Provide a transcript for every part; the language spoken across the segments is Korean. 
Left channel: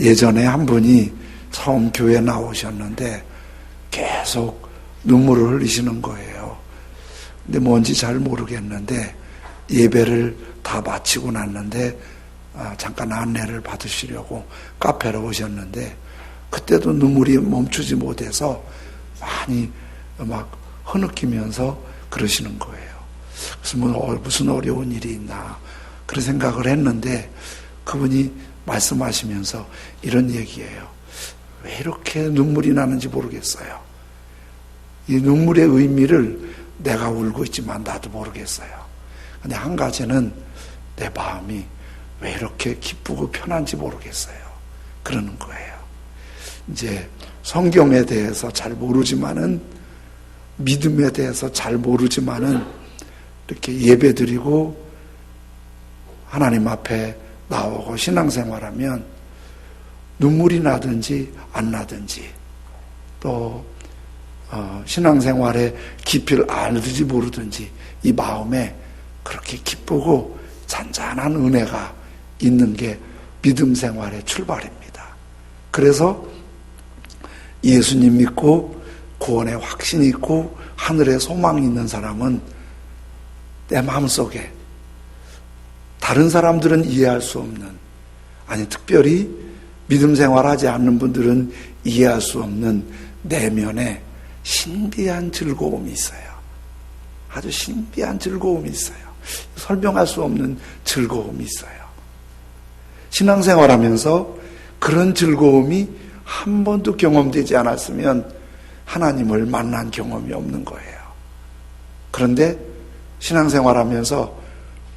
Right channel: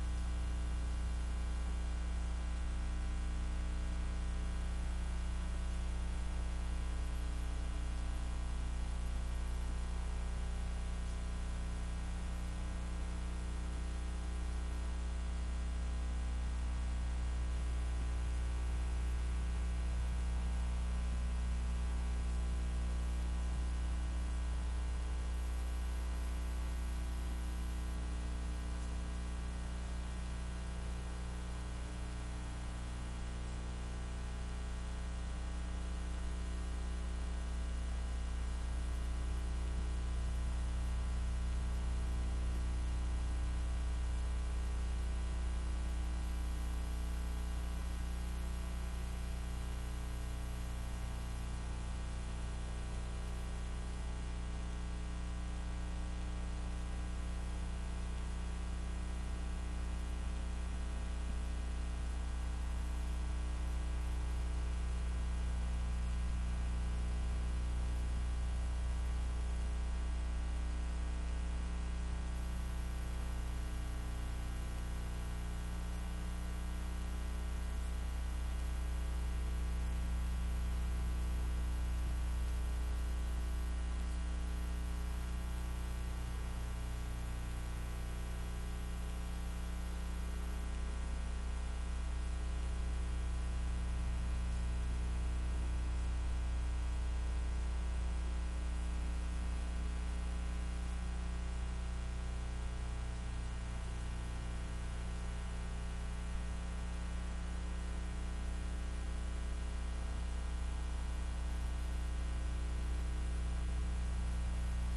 예전에 한 분이 처음 교회 나오셨는데 계속 눈물을 흘리시는 거예요. 근데 뭔지 잘 모르겠는데 예배를 다 마치고 났는데 잠깐 안내를 받으시려고 카페로 오셨는데 그때도 눈물이 멈추지 못해서 많이 막 흐느끼면서 그러시는 거예요. 그래서 무슨 어려운 일이 있나 그런 생각을 했는데 그분이 말씀하시면서 이런 얘기예요. 왜 이렇게 눈물이 나는지 모르겠어요. 이 눈물의 의미를 내가 울고 있지만 나도 모르겠어요. 근데 한 가지는 내 마음이 왜 이렇게 기쁘고 편한지 모르겠어요. 그러는 거예요. 이제 성경에 대해서 잘 모르지만은, 믿음에 대해서 잘 모르지만은 이렇게 예배드리고 하나님 앞에 나오고 신앙생활하면 눈물이 나든지 안 나든지 또 신앙생활의 깊이를 알든지 모르든지 이 마음에 그렇게 기쁘고 잔잔한 은혜가 있는 게 믿음 생활의 출발입니다. 그래서 예수님 믿고 구원의 확신이 있고 하늘에 소망이 있는 사람은 내 마음속에 다른 사람들은 이해할 수 없는, 아니 특별히 믿음 생활하지 않는 분들은 이해할 수 없는 내면에 신비한 즐거움이 있어요. 아주 신비한 즐거움이 있어요. 설명할 수 없는 즐거움이 있어요. 신앙생활하면서 그런 즐거움이 한 번도 경험되지 않았으면 하나님을 만난 경험이 없는 거예요. 그런데 신앙생활하면서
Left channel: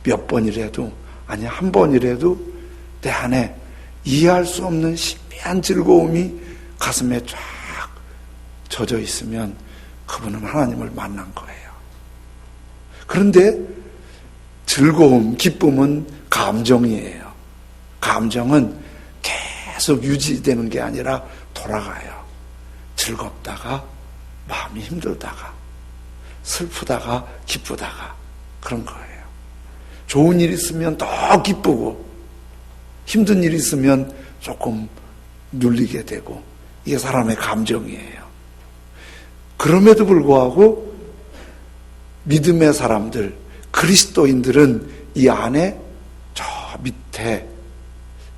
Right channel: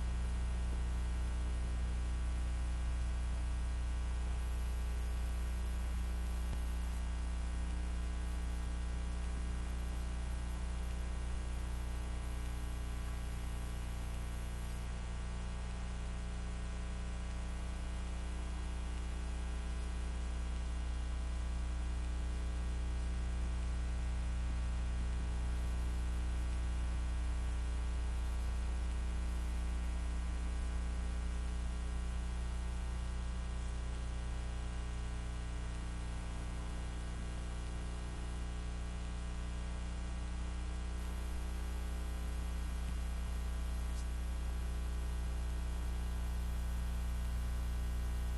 몇 번이라도, 아니 한 번이라도 내 안에 이해할 수 없는 신비한 즐거움이 가슴에 쫙 젖어 있으면 그분은 하나님을 만난 거예요. 그런데 즐거움, 기쁨은 감정이에요. 감정은 계속 유지되는 게 아니라 돌아가요. 즐겁다가 마음이 힘들다가 슬프다가 기쁘다가 그런 거예요. 좋은 일 있으면 더 기쁘고 힘든 일 있으면 조금 눌리게 되고, 이게 사람의 감정이에요. 그럼에도 불구하고 믿음의 사람들, 그리스도인들은 이 안에 저 밑에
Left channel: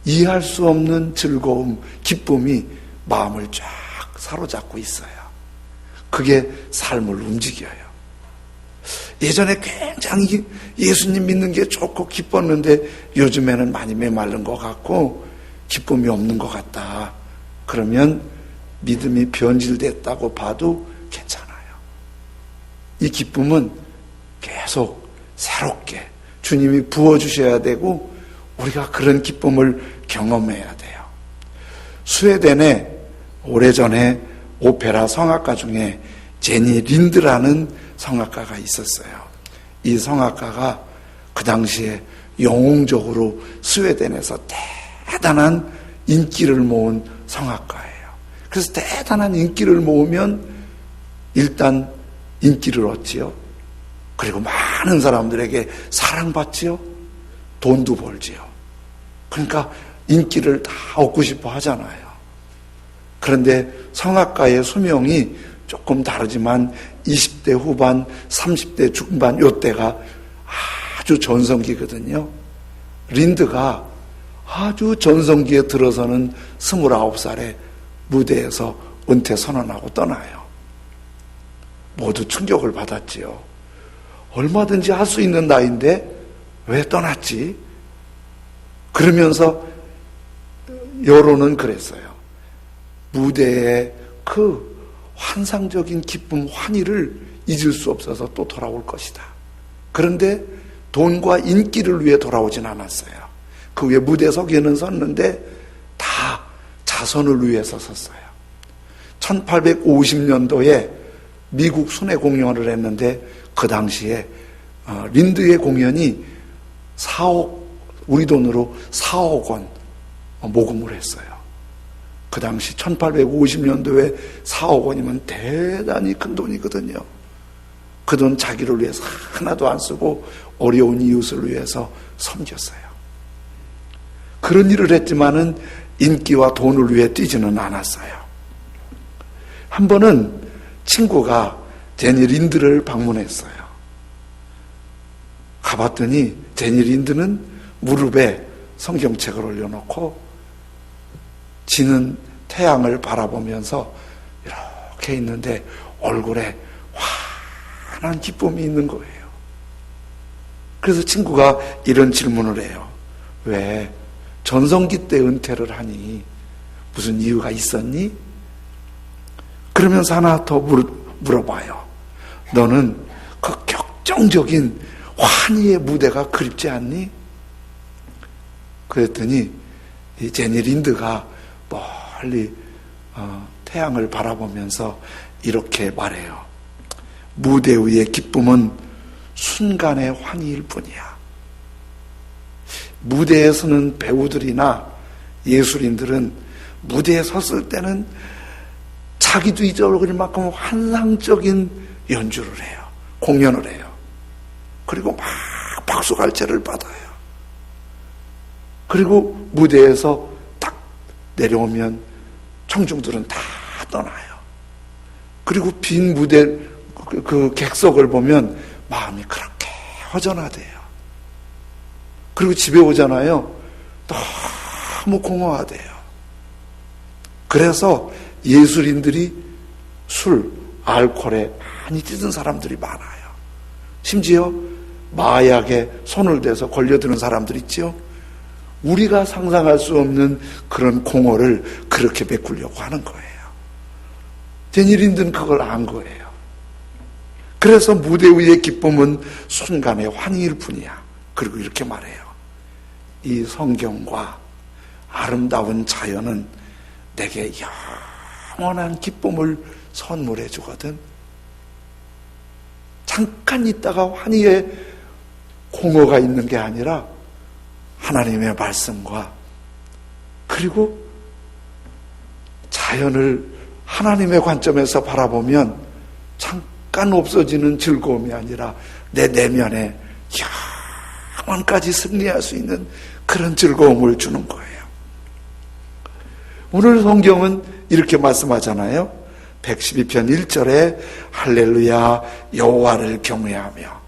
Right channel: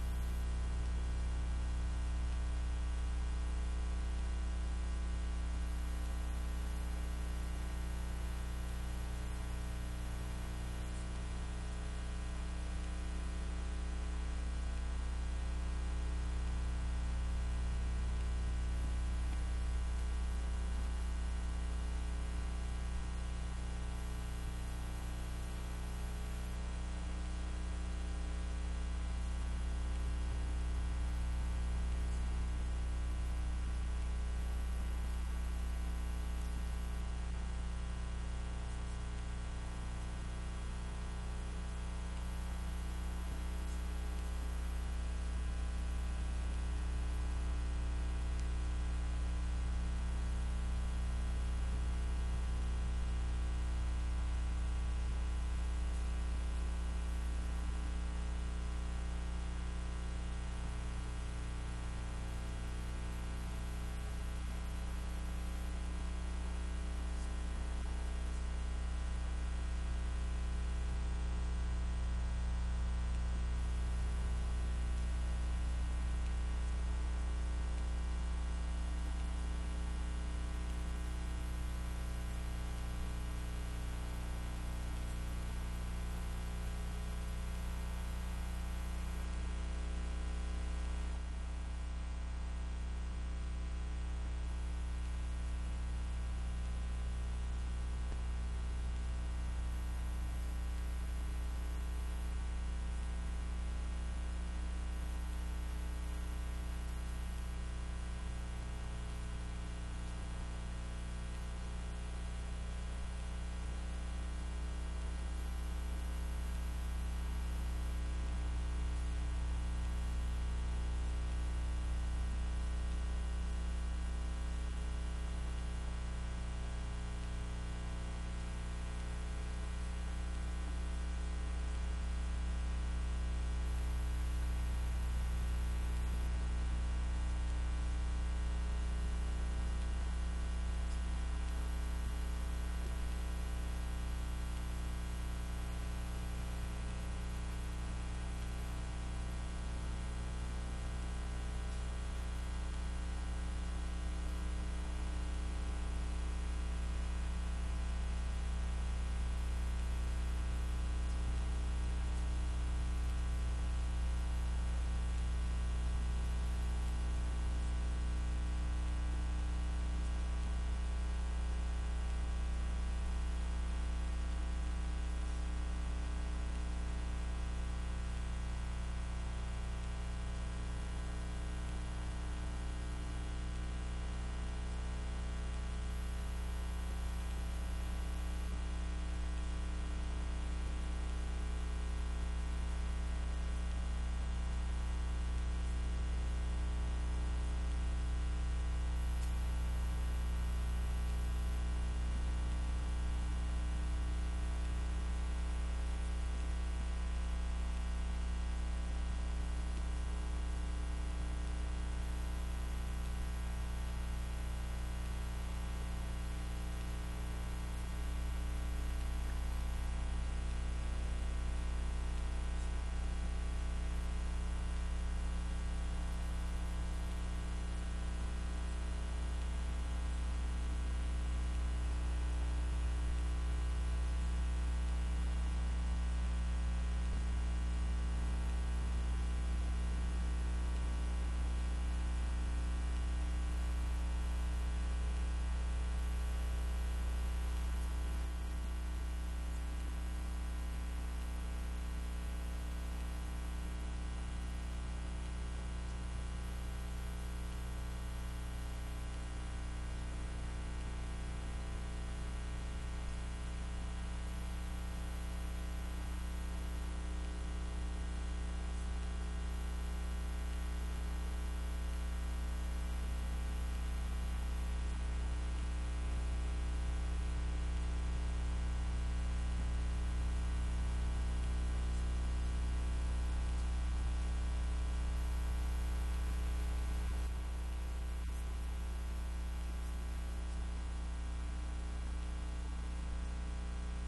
이해할 수 없는 즐거움, 기쁨이 마음을 쫙 사로잡고 있어요. 그게 삶을 움직여요. 예전에 굉장히 예수님 믿는 게 좋고 기뻤는데 요즘에는 많이 메마른 것 같고 기쁨이 없는 것 같다. 그러면 믿음이 변질됐다고 봐도 괜찮아요. 이 기쁨은 계속 새롭게 주님이 부어주셔야 되고 우리가 그런 기쁨을 경험해야 돼요. 스웨덴에 오래전에 오페라 성악가 중에 제니 린드라는 성악가가 있었어요. 이 성악가가 그 당시에 영웅적으로 스웨덴에서 대단한 인기를 모은 성악가예요. 그래서 대단한 인기를 모으면 일단 인기를 얻지요. 그리고 많은 사람들에게 사랑받지요. 돈도 벌지요. 그러니까 인기를 다 얻고 싶어 하잖아요. 그런데 성악가의 수명이 조금 다르지만 20대 후반, 30대 중반 요때가 아주 전성기거든요. 린드가 아주 전성기에 들어서는 29살에 무대에서 은퇴 선언하고 떠나요. 모두 충격을 받았지요. 얼마든지 할 수 있는 나이인데 왜 떠났지? 그러면서 여론은 그랬어요. 무대에 그 환상적인 기쁨, 환희를 잊을 수 없어서 또 돌아올 것이다. 그런데 돈과 인기를 위해 돌아오진 않았어요. 그 위에 무대 서기에는 섰는데 다 자선을 위해서 섰어요. 1850년도에 미국 순회 공연을 했는데 그 당시에 린드의 공연이 4억, 우리 돈으로 4억 원 모금을 했어요. 그 당시 1850년도에 4억 원이면 대단히 큰 돈이거든요. 그 돈 자기를 위해서 하나도 안 쓰고 어려운 이웃을 위해서 섬겼어요. 그런 일을 했지만은 인기와 돈을 위해 뛰지는 않았어요. 한 번은 친구가 제니 린드를 방문했어요. 가봤더니 제니 린드는 무릎에 성경책을 올려놓고 지는 태양을 바라보면서 이렇게 있는데 얼굴에 환한 기쁨이 있는 거예요. 그래서 친구가 이런 질문을 해요. 왜 전성기 때 은퇴를 하니 무슨 이유가 있었니? 그러면서 하나 더 물어봐요. 너는 그 격정적인 환희의 무대가 그립지 않니? 그랬더니 이 제니 린드가 멀리 태양을 바라보면서 이렇게 말해요. 무대 위의 기쁨은 순간의 환희일 뿐이야. 무대에 서는 배우들이나 예술인들은 무대에 섰을 때는 자기도 잊어버릴 만큼 환상적인 연주를 해요. 공연을 해요. 그리고 막 박수갈채를 받아요. 그리고 무대에서 딱 내려오면 청중들은 다 떠나요. 그리고 빈 무대 그 객석을 보면 마음이 그렇게 허전하대요. 그리고 집에 오잖아요. 너무 공허하대요. 그래서 예술인들이 술, 알코올에 많이 찌든 사람들이 많아요. 심지어 마약에 손을 대서 걸려드는 사람들 있죠. 우리가 상상할 수 없는 그런 공허를 그렇게 메꾸려고 하는 거예요. 제니 린드는 그걸 안 거예요. 그래서 무대 위의 기쁨은 순간의 환희일 뿐이야. 그리고 이렇게 말해요. 이 성경과 아름다운 자연은 내게 영원한 기쁨을 선물해 주거든. 잠깐 있다가 환희의 공허가 있는 게 아니라 하나님의 말씀과 그리고 자연을 하나님의 관점에서 바라보면 잠깐 없어지는 즐거움이 아니라 내 내면에 영원까지 승리할 수 있는 그런 즐거움을 주는 거예요. 오늘 성경은 이렇게 말씀하잖아요. 112편 1절에 할렐루야 여호와를 경외하며,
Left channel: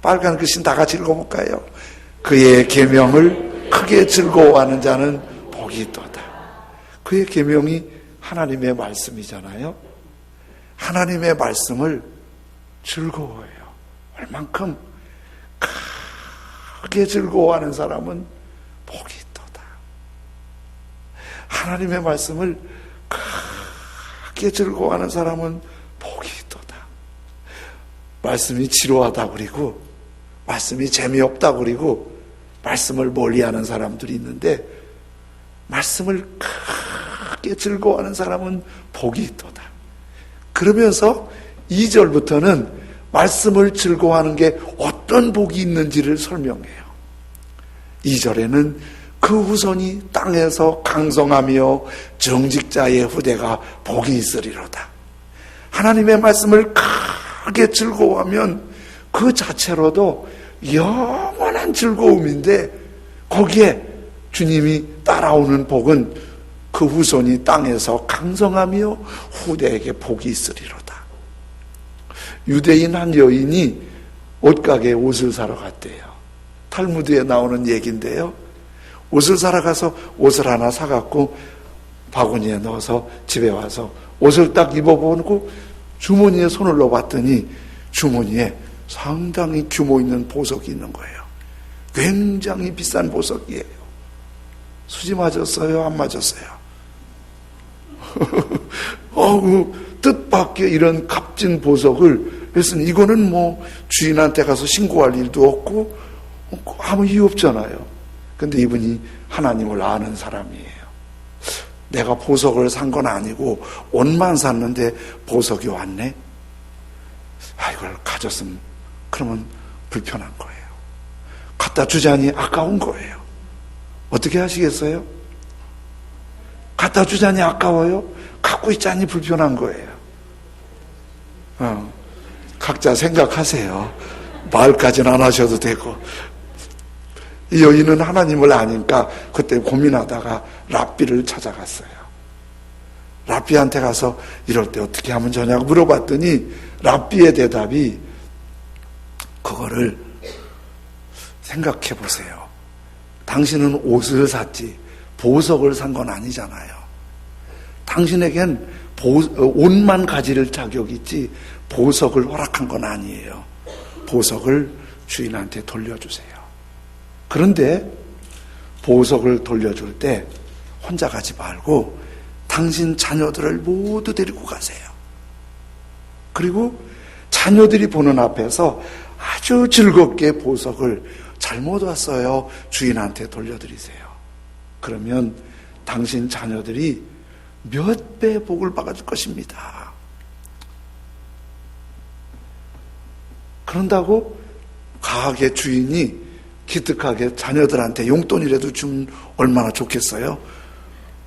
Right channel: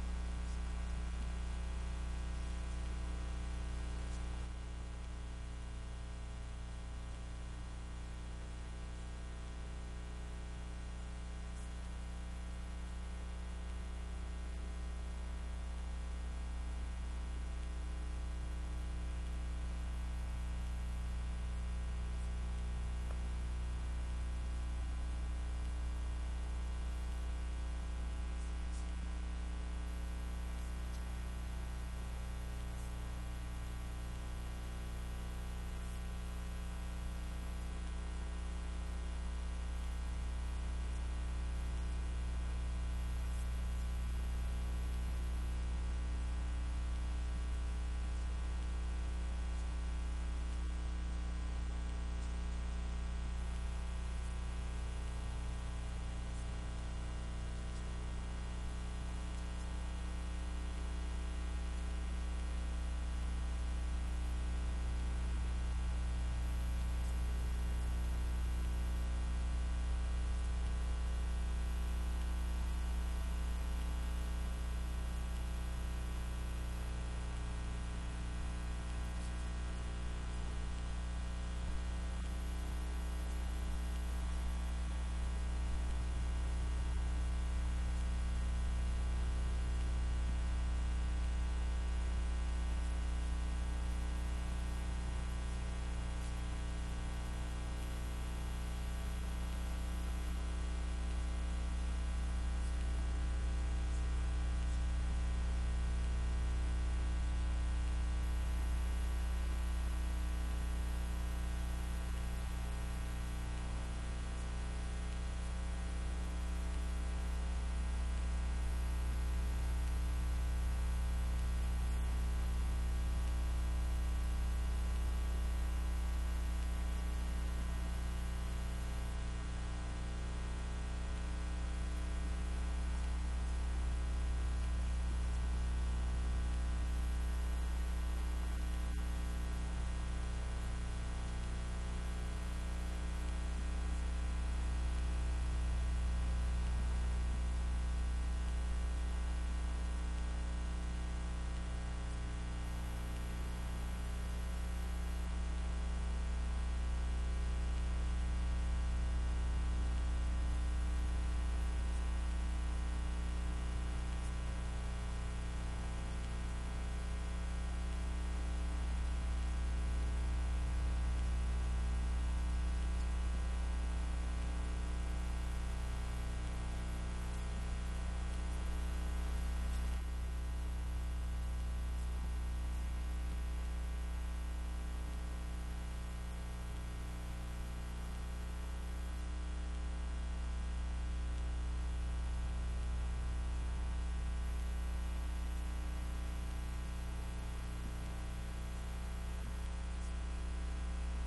빨간 글씨 다 같이 읽어볼까요? 그의 계명을 크게 즐거워하는 자는 복이 있도다. 그의 계명이 하나님의 말씀이잖아요. 하나님의 말씀을 즐거워해요. 얼만큼 크게 즐거워하는 사람은 복이 있도다. 하나님의 말씀을 크게 즐거워하는 사람은 복이 있도다. 말씀이 지루하다 그리고 말씀이 재미없다 그리고 말씀을 멀리하는 사람들이 있는데, 말씀을 크게 즐거워하는 사람은 복이 있도다. 그러면서 2절부터는 말씀을 즐거워하는 게 어떤 복이 있는지를 설명해요. 2절에는 그 후손이 땅에서 강성하며 정직자의 후대가 복이 있으리로다. 하나님의 말씀을 크게 즐거워하면 그 자체로도 영원한 즐거움인데, 거기에 주님이 따라오는 복은 그 후손이 땅에서 강성하며 후대에게 복이 있으리로다. 유대인 한 여인이 옷가게에 옷을 사러 갔대요. 탈무드에 나오는 얘기인데요. 옷을 사러 가서 옷을 하나 사갖고 바구니에 넣어서 집에 와서 옷을 딱 입어보고 주머니에 손을 넣어봤더니 주머니에 상당히 규모 있는 보석이 있는 거예요. 굉장히 비싼 보석이에요. 수지 맞았어요? 안 맞았어요? 뜻밖의 이런 값진 보석을, 그래서 이거는 뭐 주인한테 가서 신고할 일도 없고 아무 이유 없잖아요. 근데 이분이 하나님을 아는 사람이에요. 내가 보석을 산 건 아니고 옷만 샀는데 보석이 왔네. 이걸 가졌으면 그러면 불편한 거예요. 갖다 주자니 아까운 거예요. 어떻게 하시겠어요? 갖다 주자니 아까워요? 갖고 있자니 불편한 거예요. 각자 생각하세요. 말까지는 안 하셔도 되고. 이 여인은 하나님을 아니까 그때 고민하다가 랍비를 찾아갔어요. 랍비한테 가서 이럴 때 어떻게 하면 좋냐고 물어봤더니 랍비의 대답이, 그거를 생각해 보세요. 당신은 옷을 샀지 보석을 산 건 아니잖아요. 당신에겐 옷만 가질 자격이 있지 보석을 허락한 건 아니에요. 보석을 주인한테 돌려주세요. 그런데 보석을 돌려줄 때 혼자 가지 말고 당신 자녀들을 모두 데리고 가세요. 그리고 자녀들이 보는 앞에서 아주 즐겁게 보석을 잘못 왔어요, 주인한테 돌려드리세요. 그러면 당신 자녀들이 몇 배 복을 받아줄 것입니다. 그런다고 가게 주인이 기특하게 자녀들한테 용돈이라도 주면 얼마나 좋겠어요?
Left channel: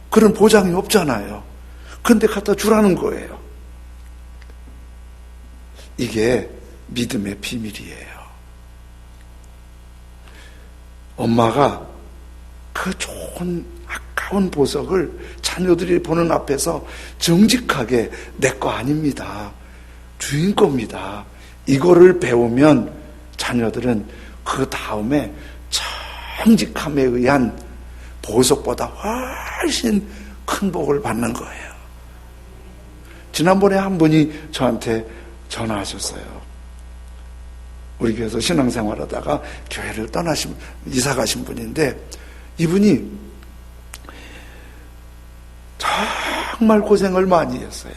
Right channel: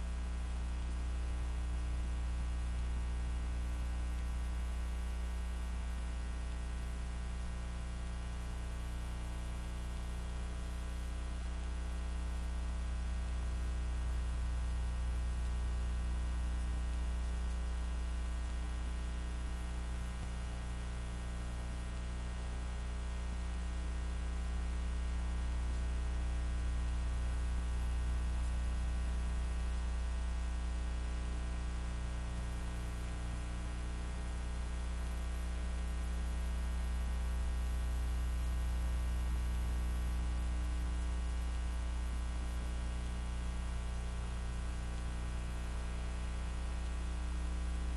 그런 보장이 없잖아요. 그런데 갖다 주라는 거예요. 이게 믿음의 비밀이에요. 엄마가 그 좋은 아까운 보석을 자녀들이 보는 앞에서 정직하게 내 거 아닙니다, 주인 겁니다, 이거를 배우면 자녀들은 그 다음에 정직함에 의한 보석보다 훨씬 큰 복을 받는 거예요. 지난번에 한 분이 저한테 전화하셨어요. 우리 교회에서 신앙생활하다가 교회를 이사 가신 분인데, 이분이 정말 고생을 많이 했어요.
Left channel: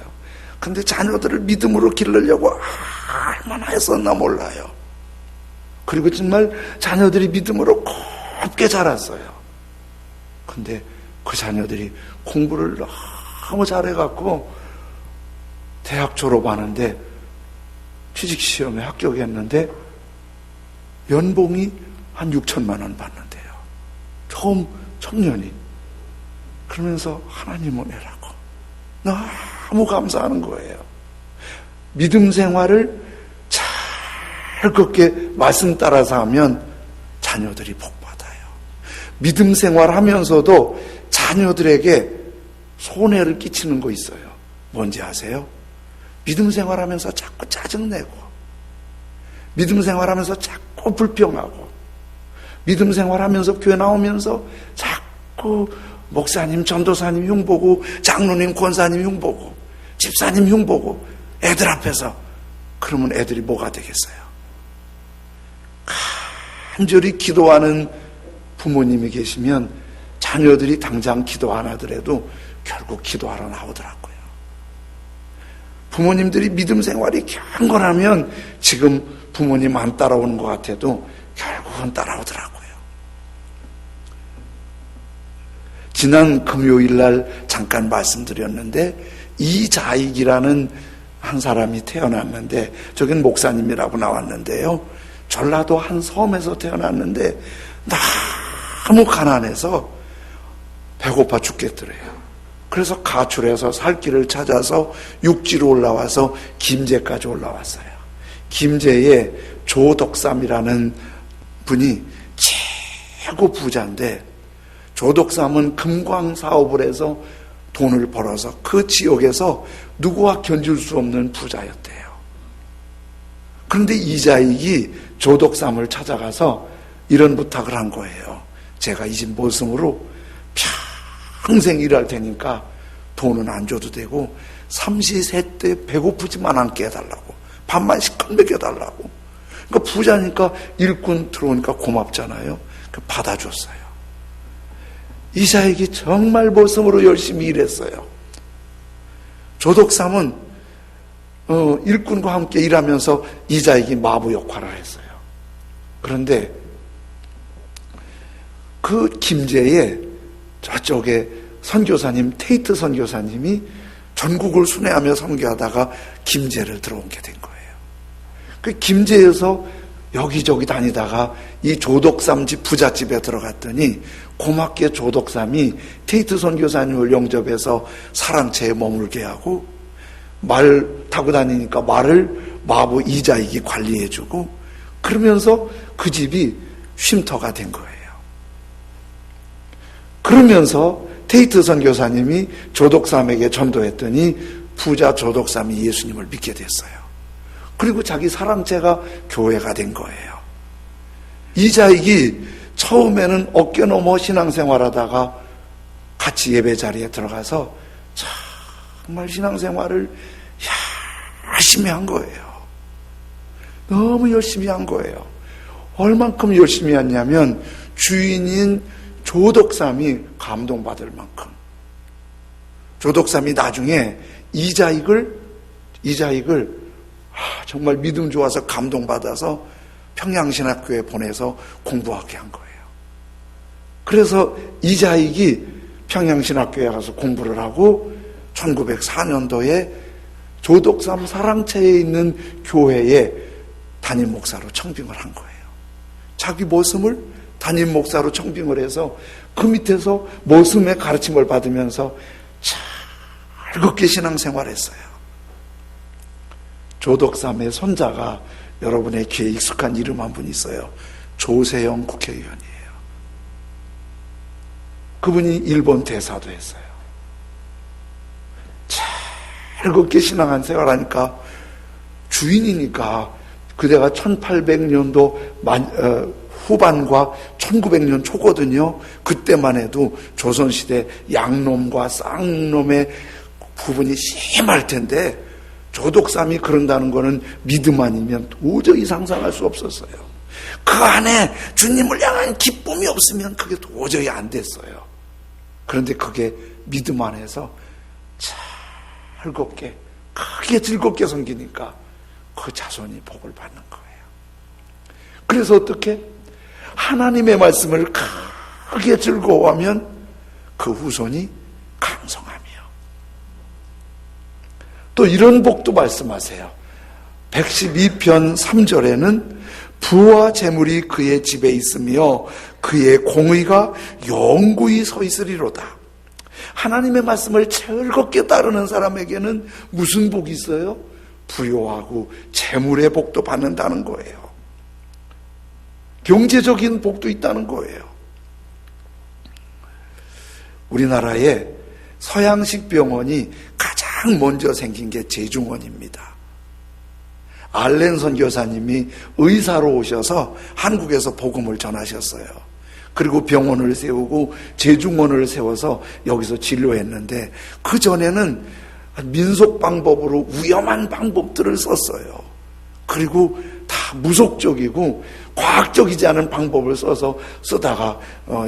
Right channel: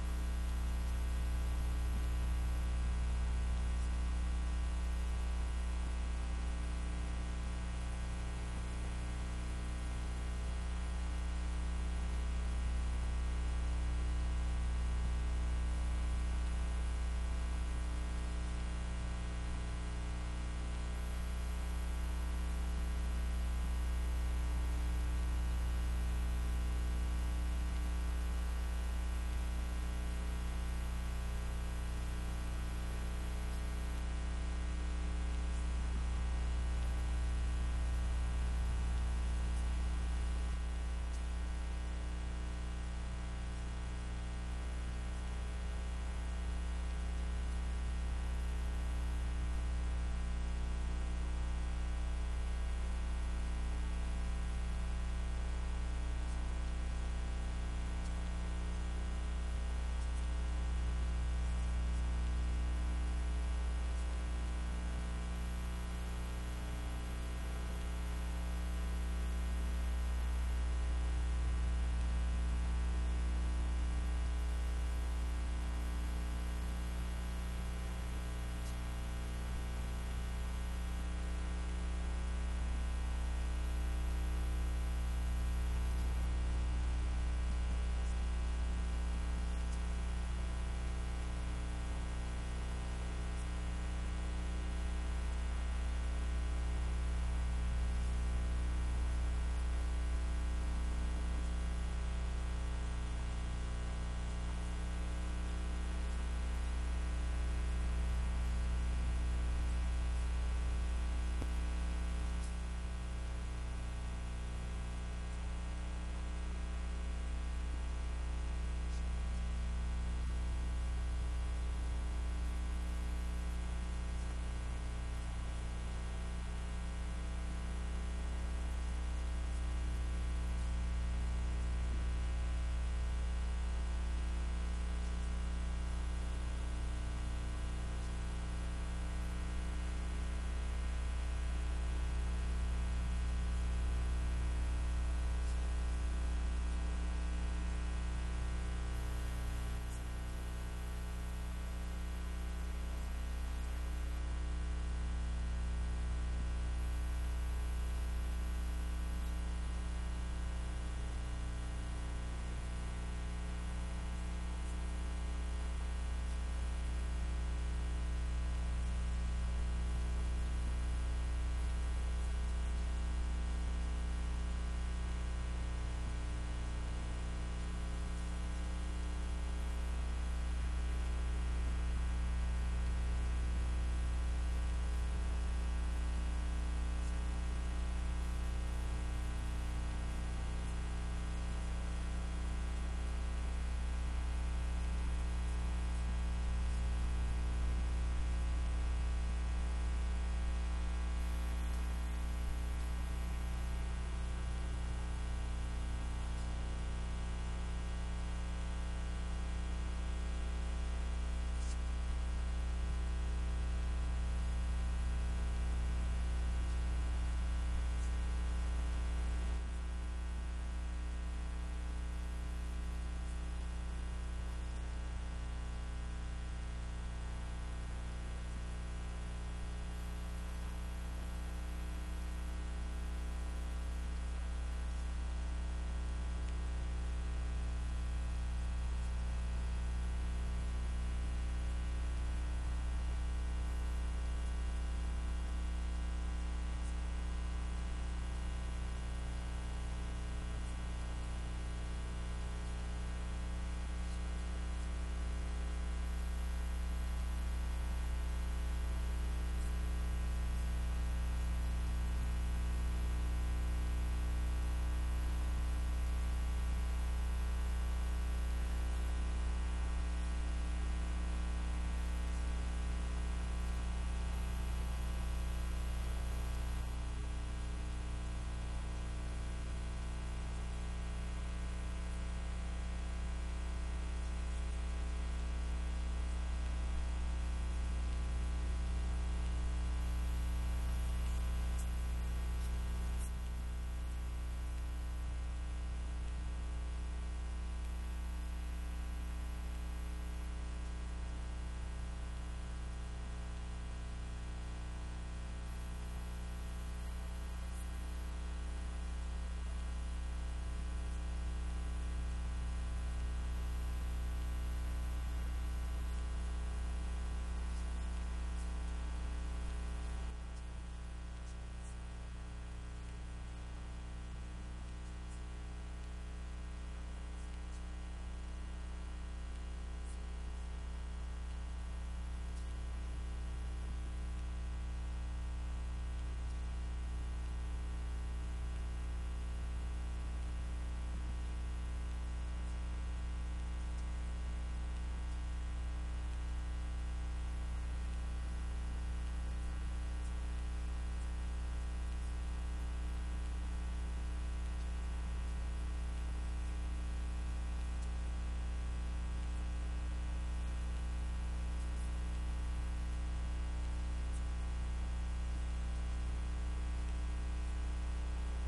근데 자녀들을 믿음으로 기르려고 얼마나 했었나 몰라요. 그리고 정말 자녀들이 믿음으로 곱게 자랐어요. 근데 그 자녀들이 공부를 너무 잘해갖고 대학 졸업하는데 취직시험에 합격했는데 연봉이 한 6천만 원 받는데요. 처음 청년이. 그러면서 하나님 은혜라고 너무 감사하는 거예요. 믿음 생활을 잘 걷게 말씀 따라서 하면 자녀들이 복 받아요. 믿음 생활하면서도 자녀들에게 손해를 끼치는 거 있어요. 뭔지 아세요? 믿음 생활하면서 자꾸 짜증내고, 믿음 생활하면서 자꾸 불평하고, 믿음 생활하면서 교회 나오면서 자꾸 목사님, 전도사님 흉보고, 장로님, 권사님 흉보고, 집사님 흉보고, 애들 앞에서. 그러면 애들이 뭐가 되겠어요? 간절히 기도하는 부모님이 계시면 자녀들이 당장 기도 안 하더라도 결국 기도하러 나오더라고요. 부모님들이 믿음 생활이 경건하면 지금 부모님 안 따라오는 것 같아도 결국은 따라오더라고요. 지난 금요일 날 잠깐 말씀드렸는데, 이자익이라는 한 사람이 태어났는데, 저긴 목사님이라고 나왔는데요, 전라도 한 섬에서 태어났는데 너무 가난해서 배고파 죽겠더래요. 그래서 가출해서 살 길을 찾아서 육지로 올라와서 김제까지 올라왔어요. 김제에 조덕삼이라는 분이 최고 부자인데, 조덕삼은 금광 사업을 해서 돈을 벌어서 그 지역에서 누구와 견줄 수 없는 부자였대요. 그런데 이자익이 조덕삼을 찾아가서 이런 부탁을 한 거예요. 제가 이 집 모성으로 평생 일할 테니까 돈은 안 줘도 되고 삼시세때 배고프지만 않게 해달라고, 밥만 시컷 먹여달라고. 그러니까 부자니까 일꾼 들어오니까 고맙잖아요. 받아줬어요. 이자익이 정말 모성으로 열심히 일했어요. 조덕삼은 일꾼과 함께 일하면서 이자익이 마부 역할을 했어요. 그런데 그 김제에 저쪽에 선교사님, 테이트 선교사님이 전국을 순회하며 선교하다가 김제를 들어온 게 된 거예요. 그 김제에서 여기저기 다니다가 이 조덕삼 집 부잣집에 들어갔더니 고맙게 조덕삼이 테이트 선교사님을 영접해서 사랑채에 머물게 하고, 말 타고 다니니까 말을 마부 이자익이 관리해주고, 그러면서 그 집이 쉼터가 된 거예요. 그러면서 테이트 선교사님이 조독삼에게 전도했더니 부자 조독삼이 예수님을 믿게 됐어요. 그리고 자기 사랑제가 교회가 된 거예요. 이자익이 처음에는 어깨 넘어 신앙생활하다가 같이 예배 자리에 들어가서 정말 신앙생활을 열심히 한 거예요. 너무 열심히 한 거예요. 얼만큼 열심히 했냐면 주인인 조독삼이 감동받을 만큼. 조독삼이 나중에 이자익을 정말 믿음 좋아서 감동받아서 평양신학교에 보내서 공부하게 한 거예요. 그래서 이자익이 평양신학교에 가서 공부를 하고 1904년도에 조독삼 사랑채에 있는 교회에 담임 목사로 청빙을 한 거예요. 자기 모습을 담임 목사로 청빙을 해서 그 밑에서 모습의 가르침을 받으면서 즐겁게 신앙생활했어요. 조독삼의 손자가 여러분의 귀에 익숙한 이름 한 분 있어요. 조세영 국회의원이에요. 그분이 일본 대사도 했어요. 즐겁게 신앙한 생활하니까 주인이니까 그대가 1800년도 후반과 1900년 초거든요. 그때만 해도 조선시대 양놈과 쌍놈의 부분이 심할 텐데 조독삼이 그런다는 거는 믿음 아니면 도저히 상상할 수 없었어요. 그 안에 주님을 향한 기쁨이 없으면 그게 도저히 안 됐어요. 그런데 그게 믿음 안에서 즐겁게 크게 즐겁게 섬기니까 그 자손이 복을 받는 거예요. 그래서 어떻게? 하나님의 말씀을 크게 즐거워하면 그 후손이 강성하며. 또 이런 복도 말씀하세요. 112편 3절에는 부와 재물이 그의 집에 있으며 그의 공의가 영구히 서 있으리로다. 하나님의 말씀을 즐겁게 따르는 사람에게는 무슨 복이 있어요? 부요하고 재물의 복도 받는다는 거예요. 경제적인 복도 있다는 거예요. 우리나라에 서양식 병원이 가장 먼저 생긴 게 제중원입니다. 알렌 선교사님이 의사로 오셔서 한국에서 복음을 전하셨어요. 그리고 병원을 세우고 제중원을 세워서 여기서 진료했는데 그 전에는 민속 방법으로 위험한 방법들을 썼어요. 그리고 다 무속적이고 과학적이지 않은 방법을 쓰다가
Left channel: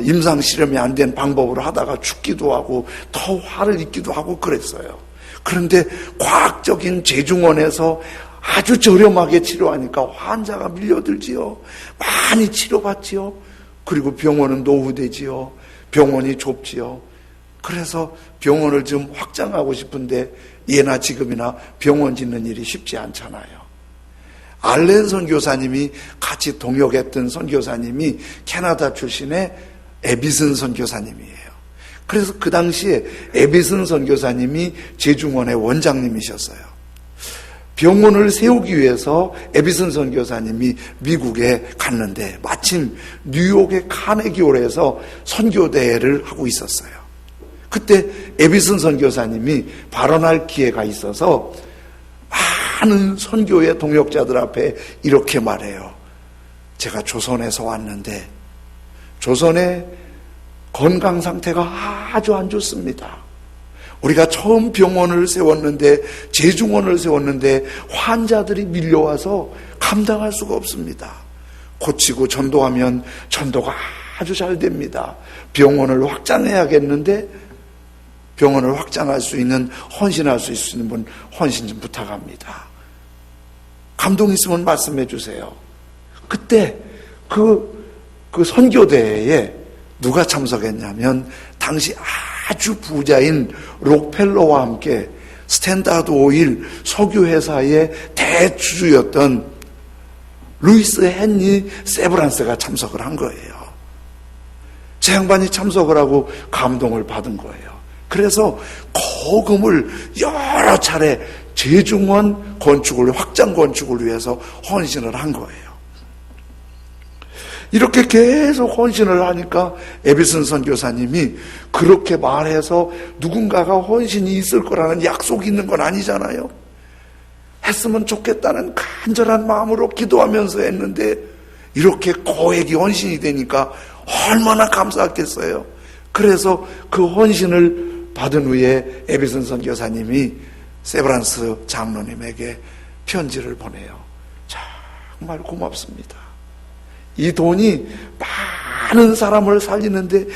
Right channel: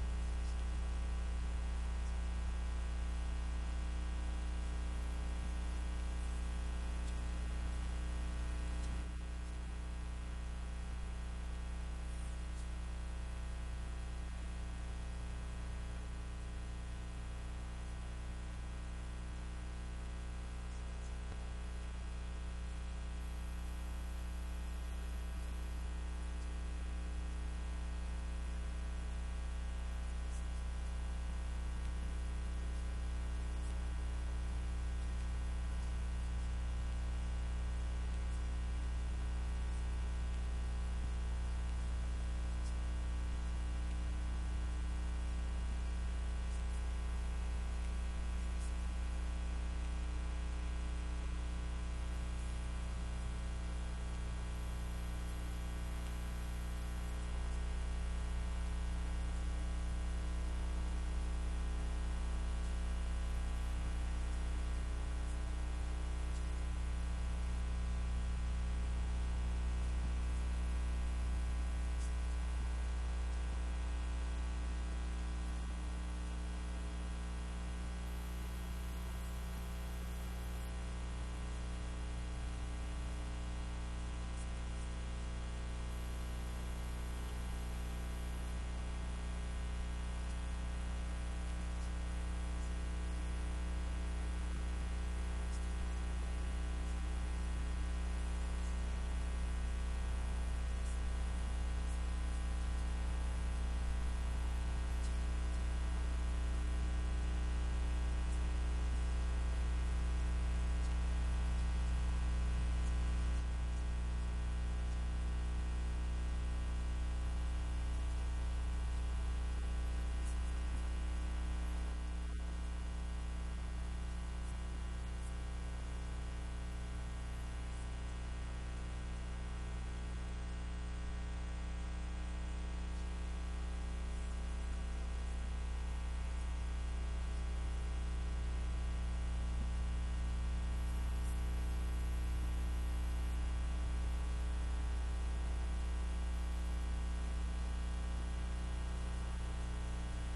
임상 실험이 안 된 방법으로 하다가 죽기도 하고 더 화를 입기도 하고 그랬어요. 그런데 과학적인 제중원에서 아주 저렴하게 치료하니까 환자가 밀려들지요. 많이 치료받지요. 그리고 병원은 노후되지요. 병원이 좁지요. 그래서 병원을 좀 확장하고 싶은데 예나 지금이나 병원 짓는 일이 쉽지 않잖아요. 알렌 선교사님이 같이 동역했던 선교사님이 캐나다 출신의 에비슨 선교사님이에요. 그래서 그 당시에 에비슨 선교사님이 제중원의 원장님이셨어요. 병원을 세우기 위해서 에비슨 선교사님이 미국에 갔는데 마침 뉴욕의 카네기홀에서 선교대회를 하고 있었어요. 그때 에비슨 선교사님이 발언할 기회가 있어서 많은 선교의 동역자들 앞에 이렇게 말해요. 제가 조선에서 왔는데 조선의 건강 상태가 아주 안 좋습니다. 우리가 처음 병원을 세웠는데 제중원을 세웠는데 환자들이 밀려와서 감당할 수가 없습니다. 고치고 전도하면 전도가 아주 잘 됩니다. 병원을 확장해야겠는데 병원을 확장할 수 있는 헌신할 수 있는 분 헌신 좀 부탁합니다. 감동 있으면 말씀해 주세요. 그때 그 선교대회에 누가 참석했냐면 당시 아주 부자인 록펠러와 함께 스탠다드 오일 석유회사의 대주주였던 루이스 헨리 세브란스가 참석을 한 거예요. 제 양반이 참석을 하고 감동을 받은 거예요. 그래서 거금을 여러 차례 제중원 건축을 확장 건축을 위해서 헌신을 한 거예요. 이렇게 계속 헌신을 하니까 에비슨 선교사님이 그렇게 말해서 누군가가 헌신이 있을 거라는 약속이 있는 건 아니잖아요. 했으면 좋겠다는 간절한 마음으로 기도하면서 했는데 이렇게 거액이 헌신이 되니까 얼마나 감사했겠어요. 그래서 그 헌신을 받은 후에 에비슨 선교사님이 세브란스 장로님에게 편지를 보내요. 정말 고맙습니다. 이 돈이 많은 사람을 살리는데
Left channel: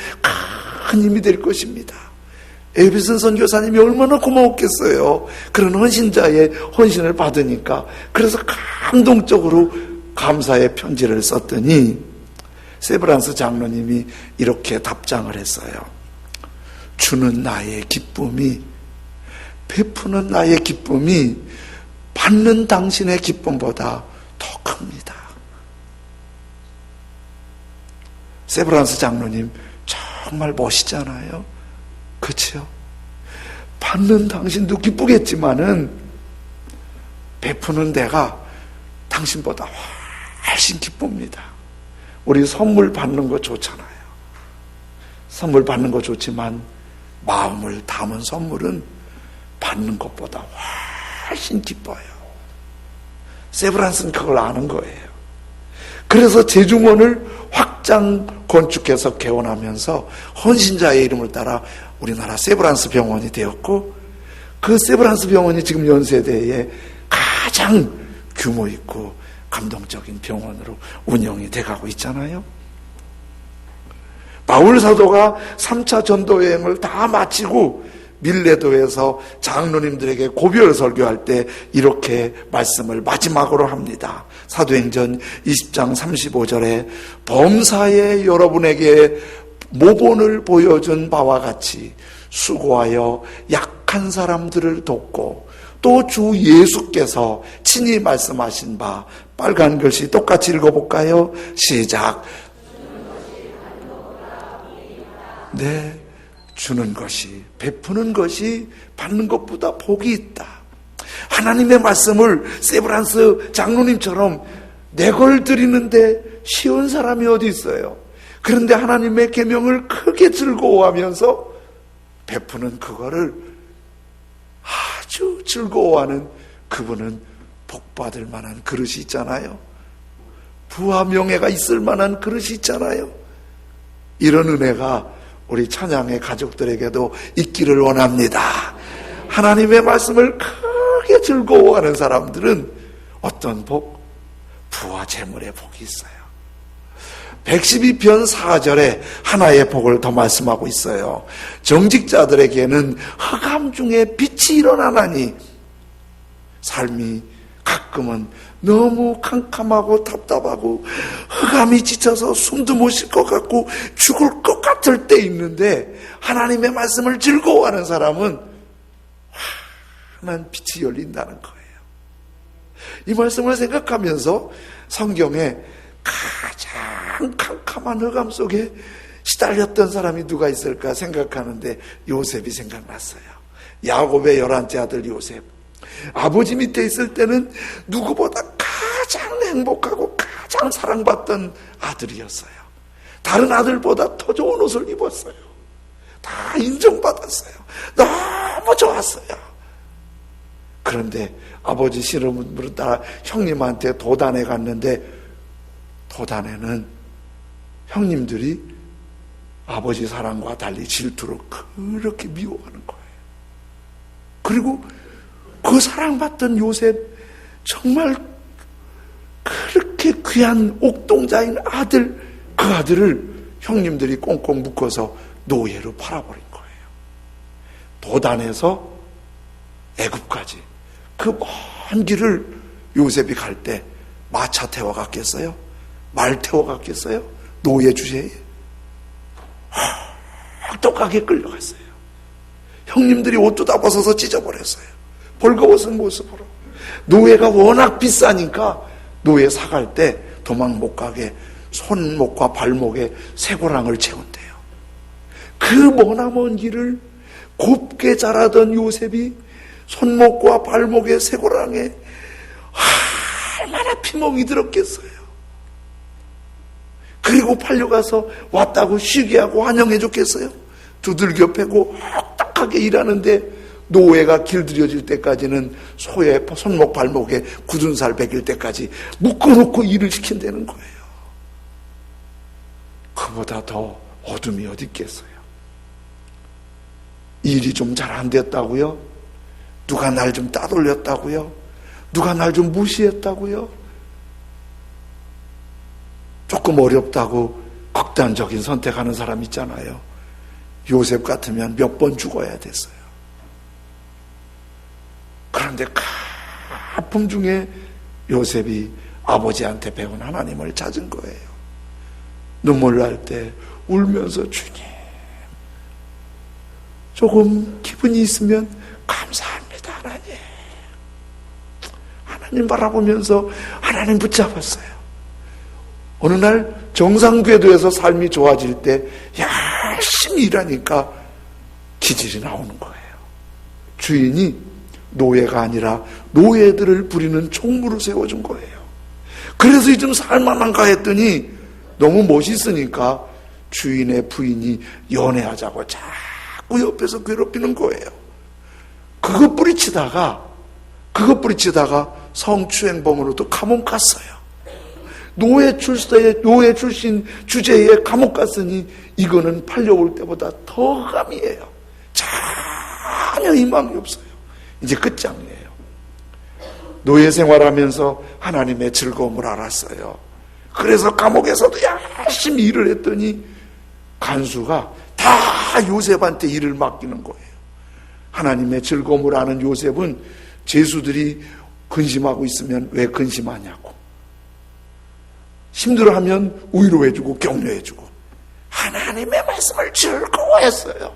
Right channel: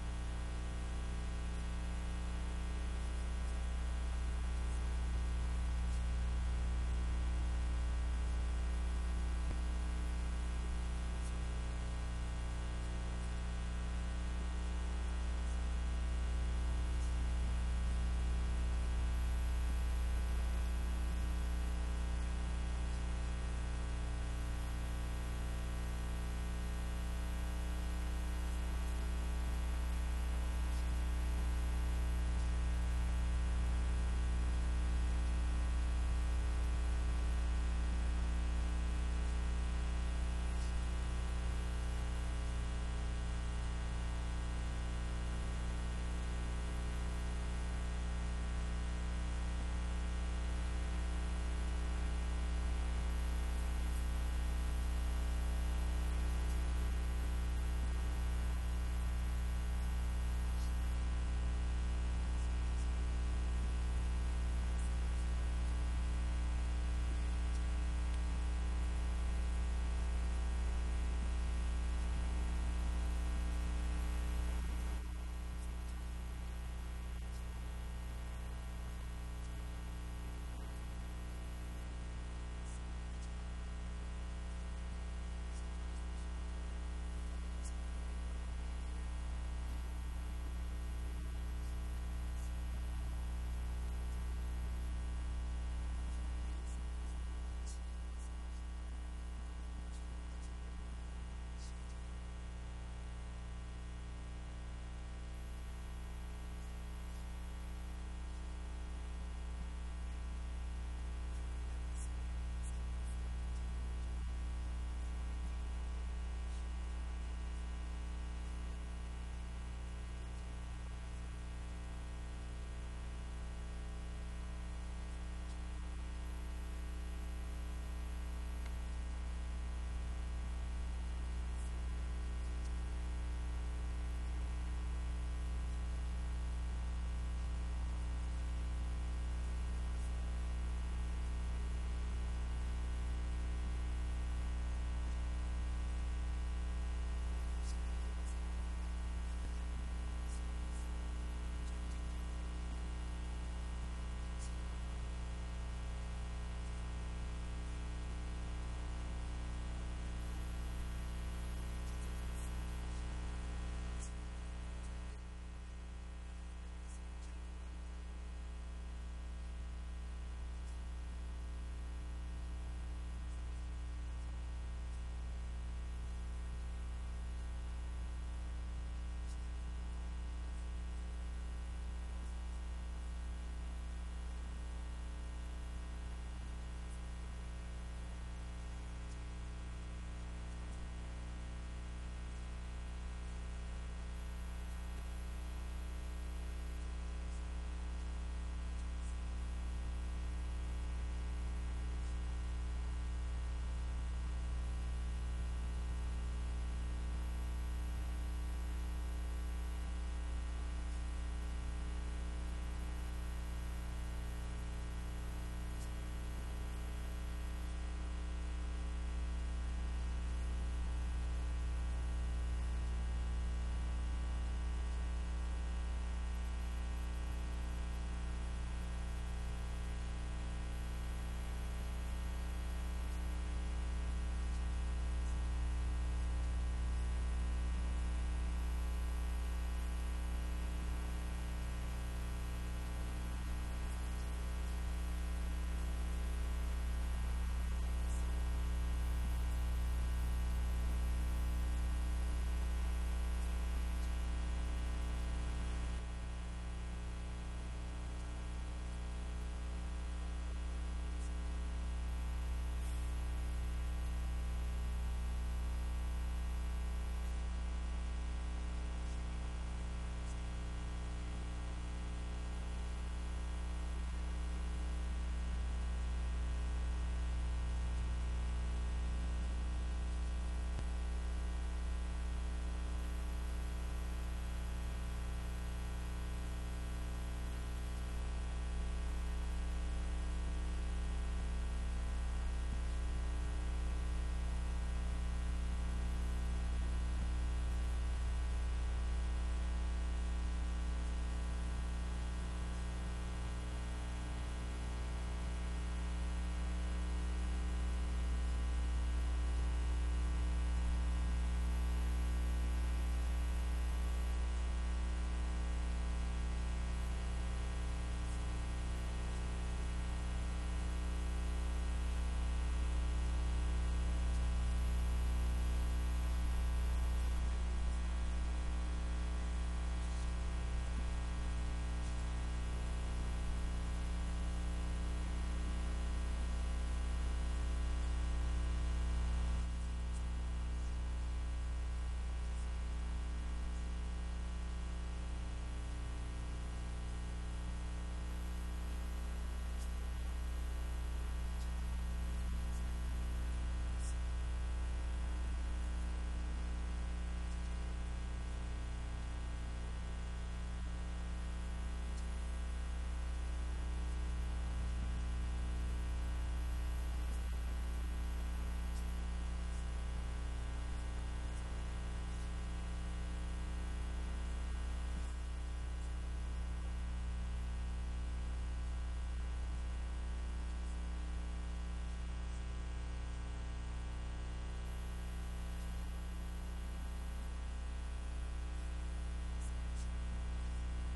큰 힘이 될 것입니다. 에비슨 선교사님이 얼마나 고마웠겠어요. 그런 헌신자의 헌신을 받으니까. 그래서 감동적으로 감사의 편지를 썼더니 세브란스 장로님이 이렇게 답장을 했어요. 주는 나의 기쁨이, 베푸는 나의 기쁨이 받는 당신의 기쁨보다 더 큽니다. 세브란스 장로님 정말 멋있잖아요. 그렇죠? 받는 당신도 기쁘겠지만은 베푸는 내가 당신보다 훨씬 기쁩니다. 우리 선물 받는 거 좋잖아요. 선물 받는 거 좋지만 마음을 담은 선물은 받는 것보다 훨씬 기뻐요. 세브란스는 그걸 아는 거예요. 그래서 제중원을 확장 건축해서 개원하면서 헌신자의 이름을 따라 우리나라 세브란스 병원이 되었고, 그 세브란스 병원이 지금 연세대에 가장 규모 있고 감동적인 병원으로 운영이 돼가고 있잖아요. 바울 사도가 3차 전도 여행을 다 마치고 밀레도에서 장로님들에게 고별 설교할 때 이렇게 말씀을 마지막으로 합니다. 사도행전 20장 35절에 범사에 여러분에게 모본을 보여준 바와 같이 수고하여 약한 사람들을 돕고 또 주 예수께서 친히 말씀하신 바, 빨간 글씨 똑같이 읽어볼까요? 시작. 네, 주는 것이, 베푸는 것이 받는 것보다 복이 있다. 하나님의 말씀을 세브란스 장로님처럼 내걸 드리는데 쉬운 사람이 어디 있어요? 그런데 하나님의 계명을 크게 즐거워하면서 베푸는 그거를 아주 즐거워하는 그분은 복받을 만한 그릇이 있잖아요. 부와 명예가 있을 만한 그릇이 있잖아요. 이런 은혜가 우리 찬양의 가족들에게도 있기를 원합니다. 하나님의 말씀을 크게 즐거워하는 사람들은 어떤 복? 부와 재물의 복이 있어요. 112편 4절에 하나의 복을 더 말씀하고 있어요. 정직자들에게는 흑암 중에 빛이 일어나나니, 삶이 가끔은 너무 캄캄하고 답답하고 흑암이 지쳐서 숨도 못 쉴 것 같고 죽을 것 같을 때 있는데, 하나님의 말씀을 즐거워하는 사람은 환한 빛이 열린다는 거예요. 이 말씀을 생각하면서 성경에 가장 캄캄한 흑암 속에 시달렸던 사람이 누가 있을까 생각하는데 요셉이 생각났어요. 야곱의 11째 아들 요셉. 아버지 밑에 있을 때는 누구보다 가장 행복하고 가장 사랑받던 아들이었어요. 다른 아들보다 더 좋은 옷을 입었어요. 다 인정받았어요. 너무 좋았어요. 그런데 아버지 시름을 따라 형님한테 도단에 갔는데, 도단에는 형님들이 아버지 사랑과 달리 질투로 그렇게 미워하는 거예요. 그리고 그 사랑받던 요셉, 정말 그렇게 귀한 옥동자인 아들, 그 아들을 형님들이 꽁꽁 묶어서 노예로 팔아버린 거예요. 도단에서 애굽까지 그 먼 길을 요셉이 갈 때 마차 태워 갔겠어요? 말 태워 갔겠어요? 노예 주제에 똑하게 끌려갔어요. 형님들이 옷도 다 벗어서 찢어버렸어요. 벌거벗은 모습으로. 노예가 워낙 비싸니까 노예 사갈 때 도망 못 가게 손목과 발목에 쇠고랑을 채운대요. 그 머나먼 길을 곱게 자라던 요셉이 손목과 발목의 쇠고랑에 얼마나 피멍이 들었겠어요. 그 그리고 팔려가서 왔다고 쉬게 하고 환영해 줬겠어요? 두들겨 패고 딱하게 일하는데 노예가 길들여질 때까지는 소의 손목 발목에 굳은 살 베길 때까지 묶어놓고 일을 시킨다는 거예요. 그보다 더 어둠이 어디 있겠어요? 일이 좀 잘 안 됐다고요? 누가 날 좀 따돌렸다고요? 누가 날 좀 무시했다고요? 조금 어렵다고 극단적인 선택하는 사람 있잖아요. 요셉 같으면 몇 번 죽어야 됐어요. 그런데 가품 중에 요셉이 아버지한테 배운 하나님을 찾은 거예요. 눈물 날 때 울면서 주님, 조금 기분이 있으면 감사합니다 하나님. 하나님 바라보면서 하나님 붙잡았어요. 어느 날 정상궤도에서 삶이 좋아질 때 열심히 일하니까 기질이 나오는 거예요. 주인이 노예가 아니라 노예들을 부리는 총무를 세워준 거예요. 그래서 이 좀 살만한가 했더니 너무 멋있으니까 주인의 부인이 연애하자고 자꾸 옆에서 괴롭히는 거예요. 그거 뿌리치다가 성추행범으로도 감옥 갔어요. 노예 출신 주제에 감옥 갔으니 이거는 팔려올 때보다 더 감이에요. 전혀 희망이 없어요. 이제 끝장이에요. 노예 생활하면서 하나님의 즐거움을 알았어요. 그래서 감옥에서도 열심히 일을 했더니 간수가 다 요셉한테 일을 맡기는 거예요. 하나님의 즐거움을 아는 요셉은 죄수들이 근심하고 있으면 왜 근심하냐고, 힘들어하면 위로해주고 격려해주고 하나님의 말씀을 즐거워했어요.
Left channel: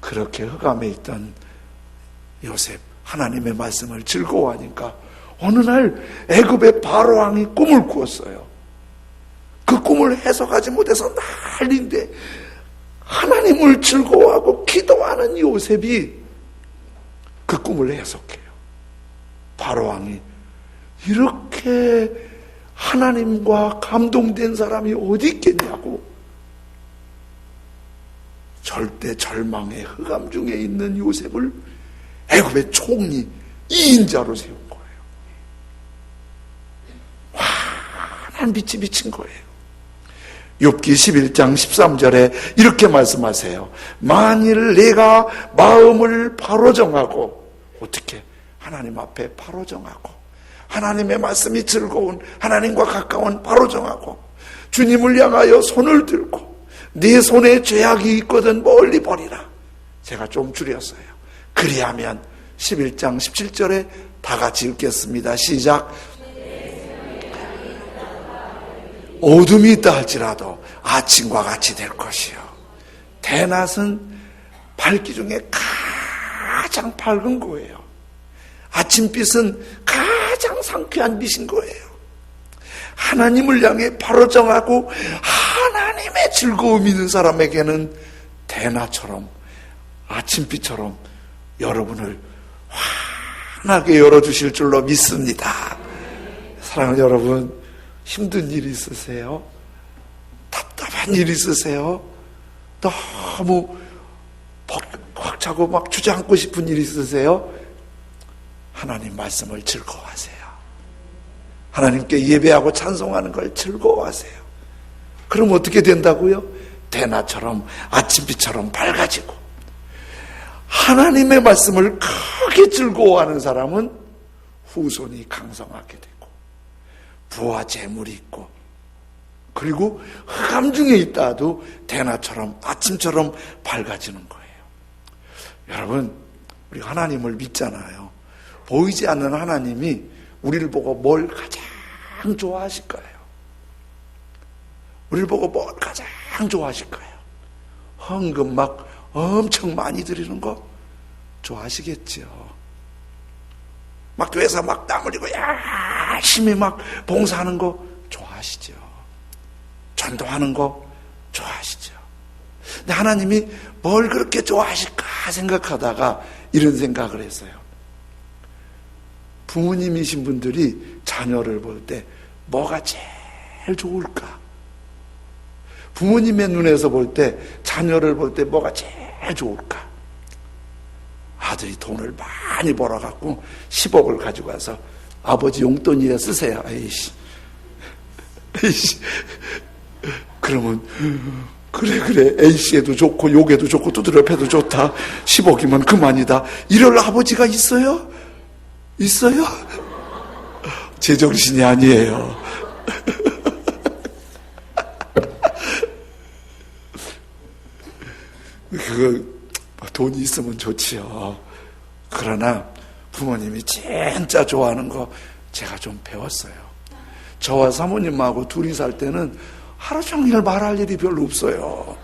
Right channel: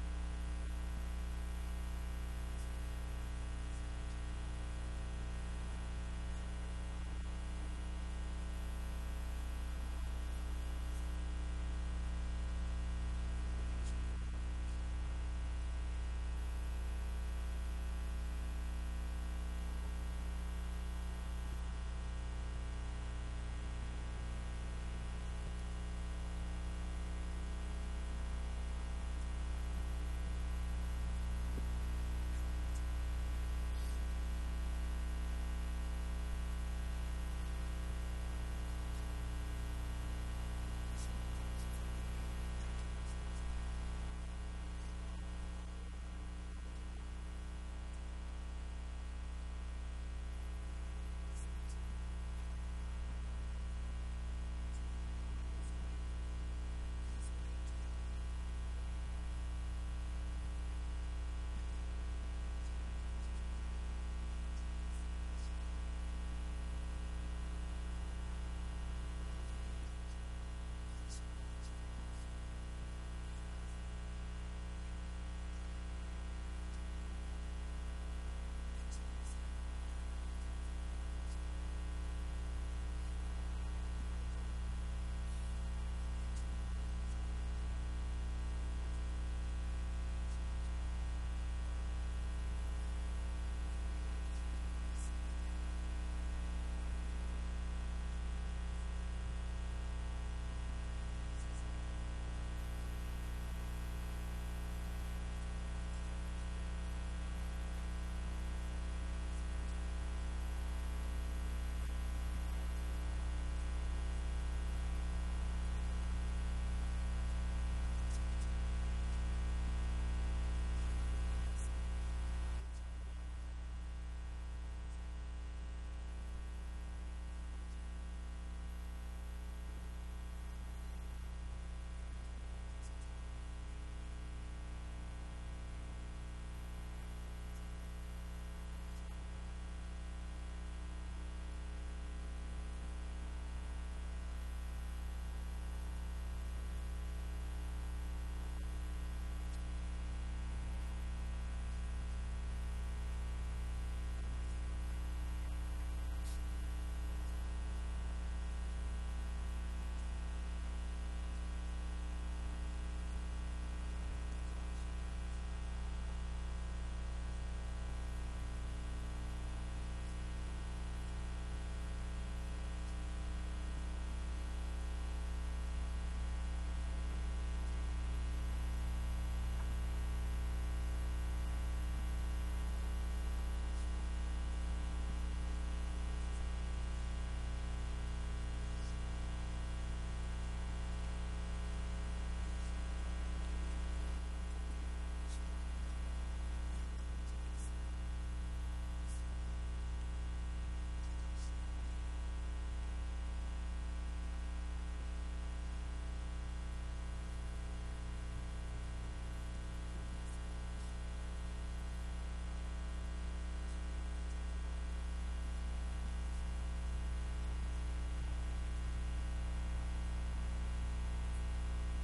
그렇게 흑암에 있던 요셉, 하나님의 말씀을 즐거워하니까 어느 날 애굽의 바로왕이 꿈을 꾸었어요. 그 꿈을 해석하지 못해서 난리인데 하나님을 즐거워하고 기도하는 요셉이 그 꿈을 해석해요. 바로왕이 이렇게 하나님과 감동된 사람이 어디 있겠냐고, 절대 절망의 흑암 중에 있는 요셉을 애굽의 총리 2인자로 세운 거예요. 환한 빛이 비친 거예요. 욥기 11장 13절에 이렇게 말씀하세요. 만일 내가 마음을 바로 정하고, 어떻게? 하나님 앞에 바로 정하고, 하나님의 말씀이 즐거운, 하나님과 가까운 바로 정하고, 주님을 향하여 손을 들고 네 손에 죄악이 있거든 멀리 버리라. 제가 좀 줄였어요. 그리하면 11장 17절에 다 같이 읽겠습니다. 시작. 어둠이 있다 할지라도 아침과 같이 될 것이요. 대낮은 밝기 중에 가장 밝은 거예요. 아침빛은 가장 상쾌한 빛인 거예요. 하나님을 향해 바로 정하고 하나님의 즐거움이 있는 사람에게는 대낮처럼, 아침빛처럼 여러분을 환하게 열어주실 줄로 믿습니다. 사랑하는 여러분, 힘든 일 있으세요? 답답한 일 있으세요? 너무 벅 차고 막 주저앉고 싶은 일 있으세요? 하나님 말씀을 즐거워하세요. 하나님께 예배하고 찬송하는 걸 즐거워하세요. 그럼 어떻게 된다고요? 대낮처럼, 아침빛처럼 밝아지고, 하나님의 말씀을 크게 즐거워하는 사람은 후손이 강성하게 되고 부와 재물이 있고, 그리고 흑암 중에 있다도 대낮처럼, 아침처럼 밝아지는 거예요. 여러분, 우리 하나님을 믿잖아요. 보이지 않는 하나님이 우리를 보고 뭘 가장 좋아하실까요? 우리를 보고 뭘 가장 좋아하실까요? 헌금 막 엄청 많이 드리는 거 좋아하시겠죠? 막 교회에서 막 땀 흘리고 열심히 막 봉사하는 거 좋아하시죠? 전도하는 거 좋아하시죠? 근데 하나님이 뭘 그렇게 좋아하실까 생각하다가 이런 생각을 했어요. 부모님이신 분들이 자녀를 볼 때 뭐가 제일 좋을까? 부모님의 눈에서 볼 때, 자녀를 볼 때 뭐가 제일 좋을까? 아들이 돈을 많이 벌어갖고 10억을 가지고 와서 아버지 용돈이라 쓰세요. 에이씨. 그러면 그래 A씨에도 좋고 욕에도 좋고 두드려 패도 좋다. 10억이면 그만이다. 이럴 아버지가 있어요? 있어요? 제정신이 아니에요. 돈이 있으면 좋지요. 그러나 부모님이 진짜 좋아하는 거 제가 좀 배웠어요. 저와 사모님하고 둘이 살 때는 하루 종일 말할 일이 별로 없어요.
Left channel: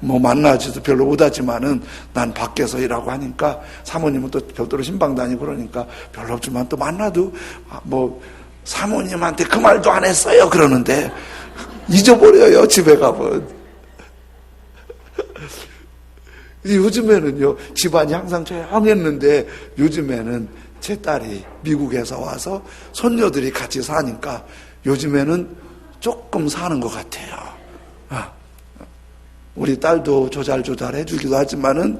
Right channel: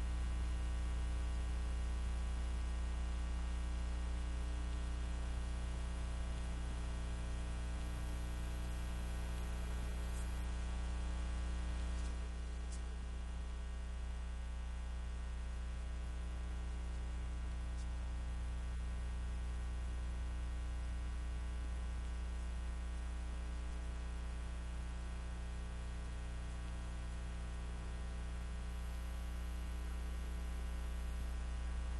뭐 만나지도 별로 못하지만은 난 밖에서 일하고 하니까 사모님은 또 별도로 신방 다니고 그러니까 별로 없지만 또 만나도 뭐 사모님한테 그 말도 안 했어요 그러는데 잊어버려요 집에 가면. 요즘에는요 집안이 항상 조용했는데 요즘에는 제 딸이 미국에서 와서 손녀들이 같이 사니까 요즘에는 조금 사는 것 같아요. 우리 딸도 조잘조잘 해주기도 하지만은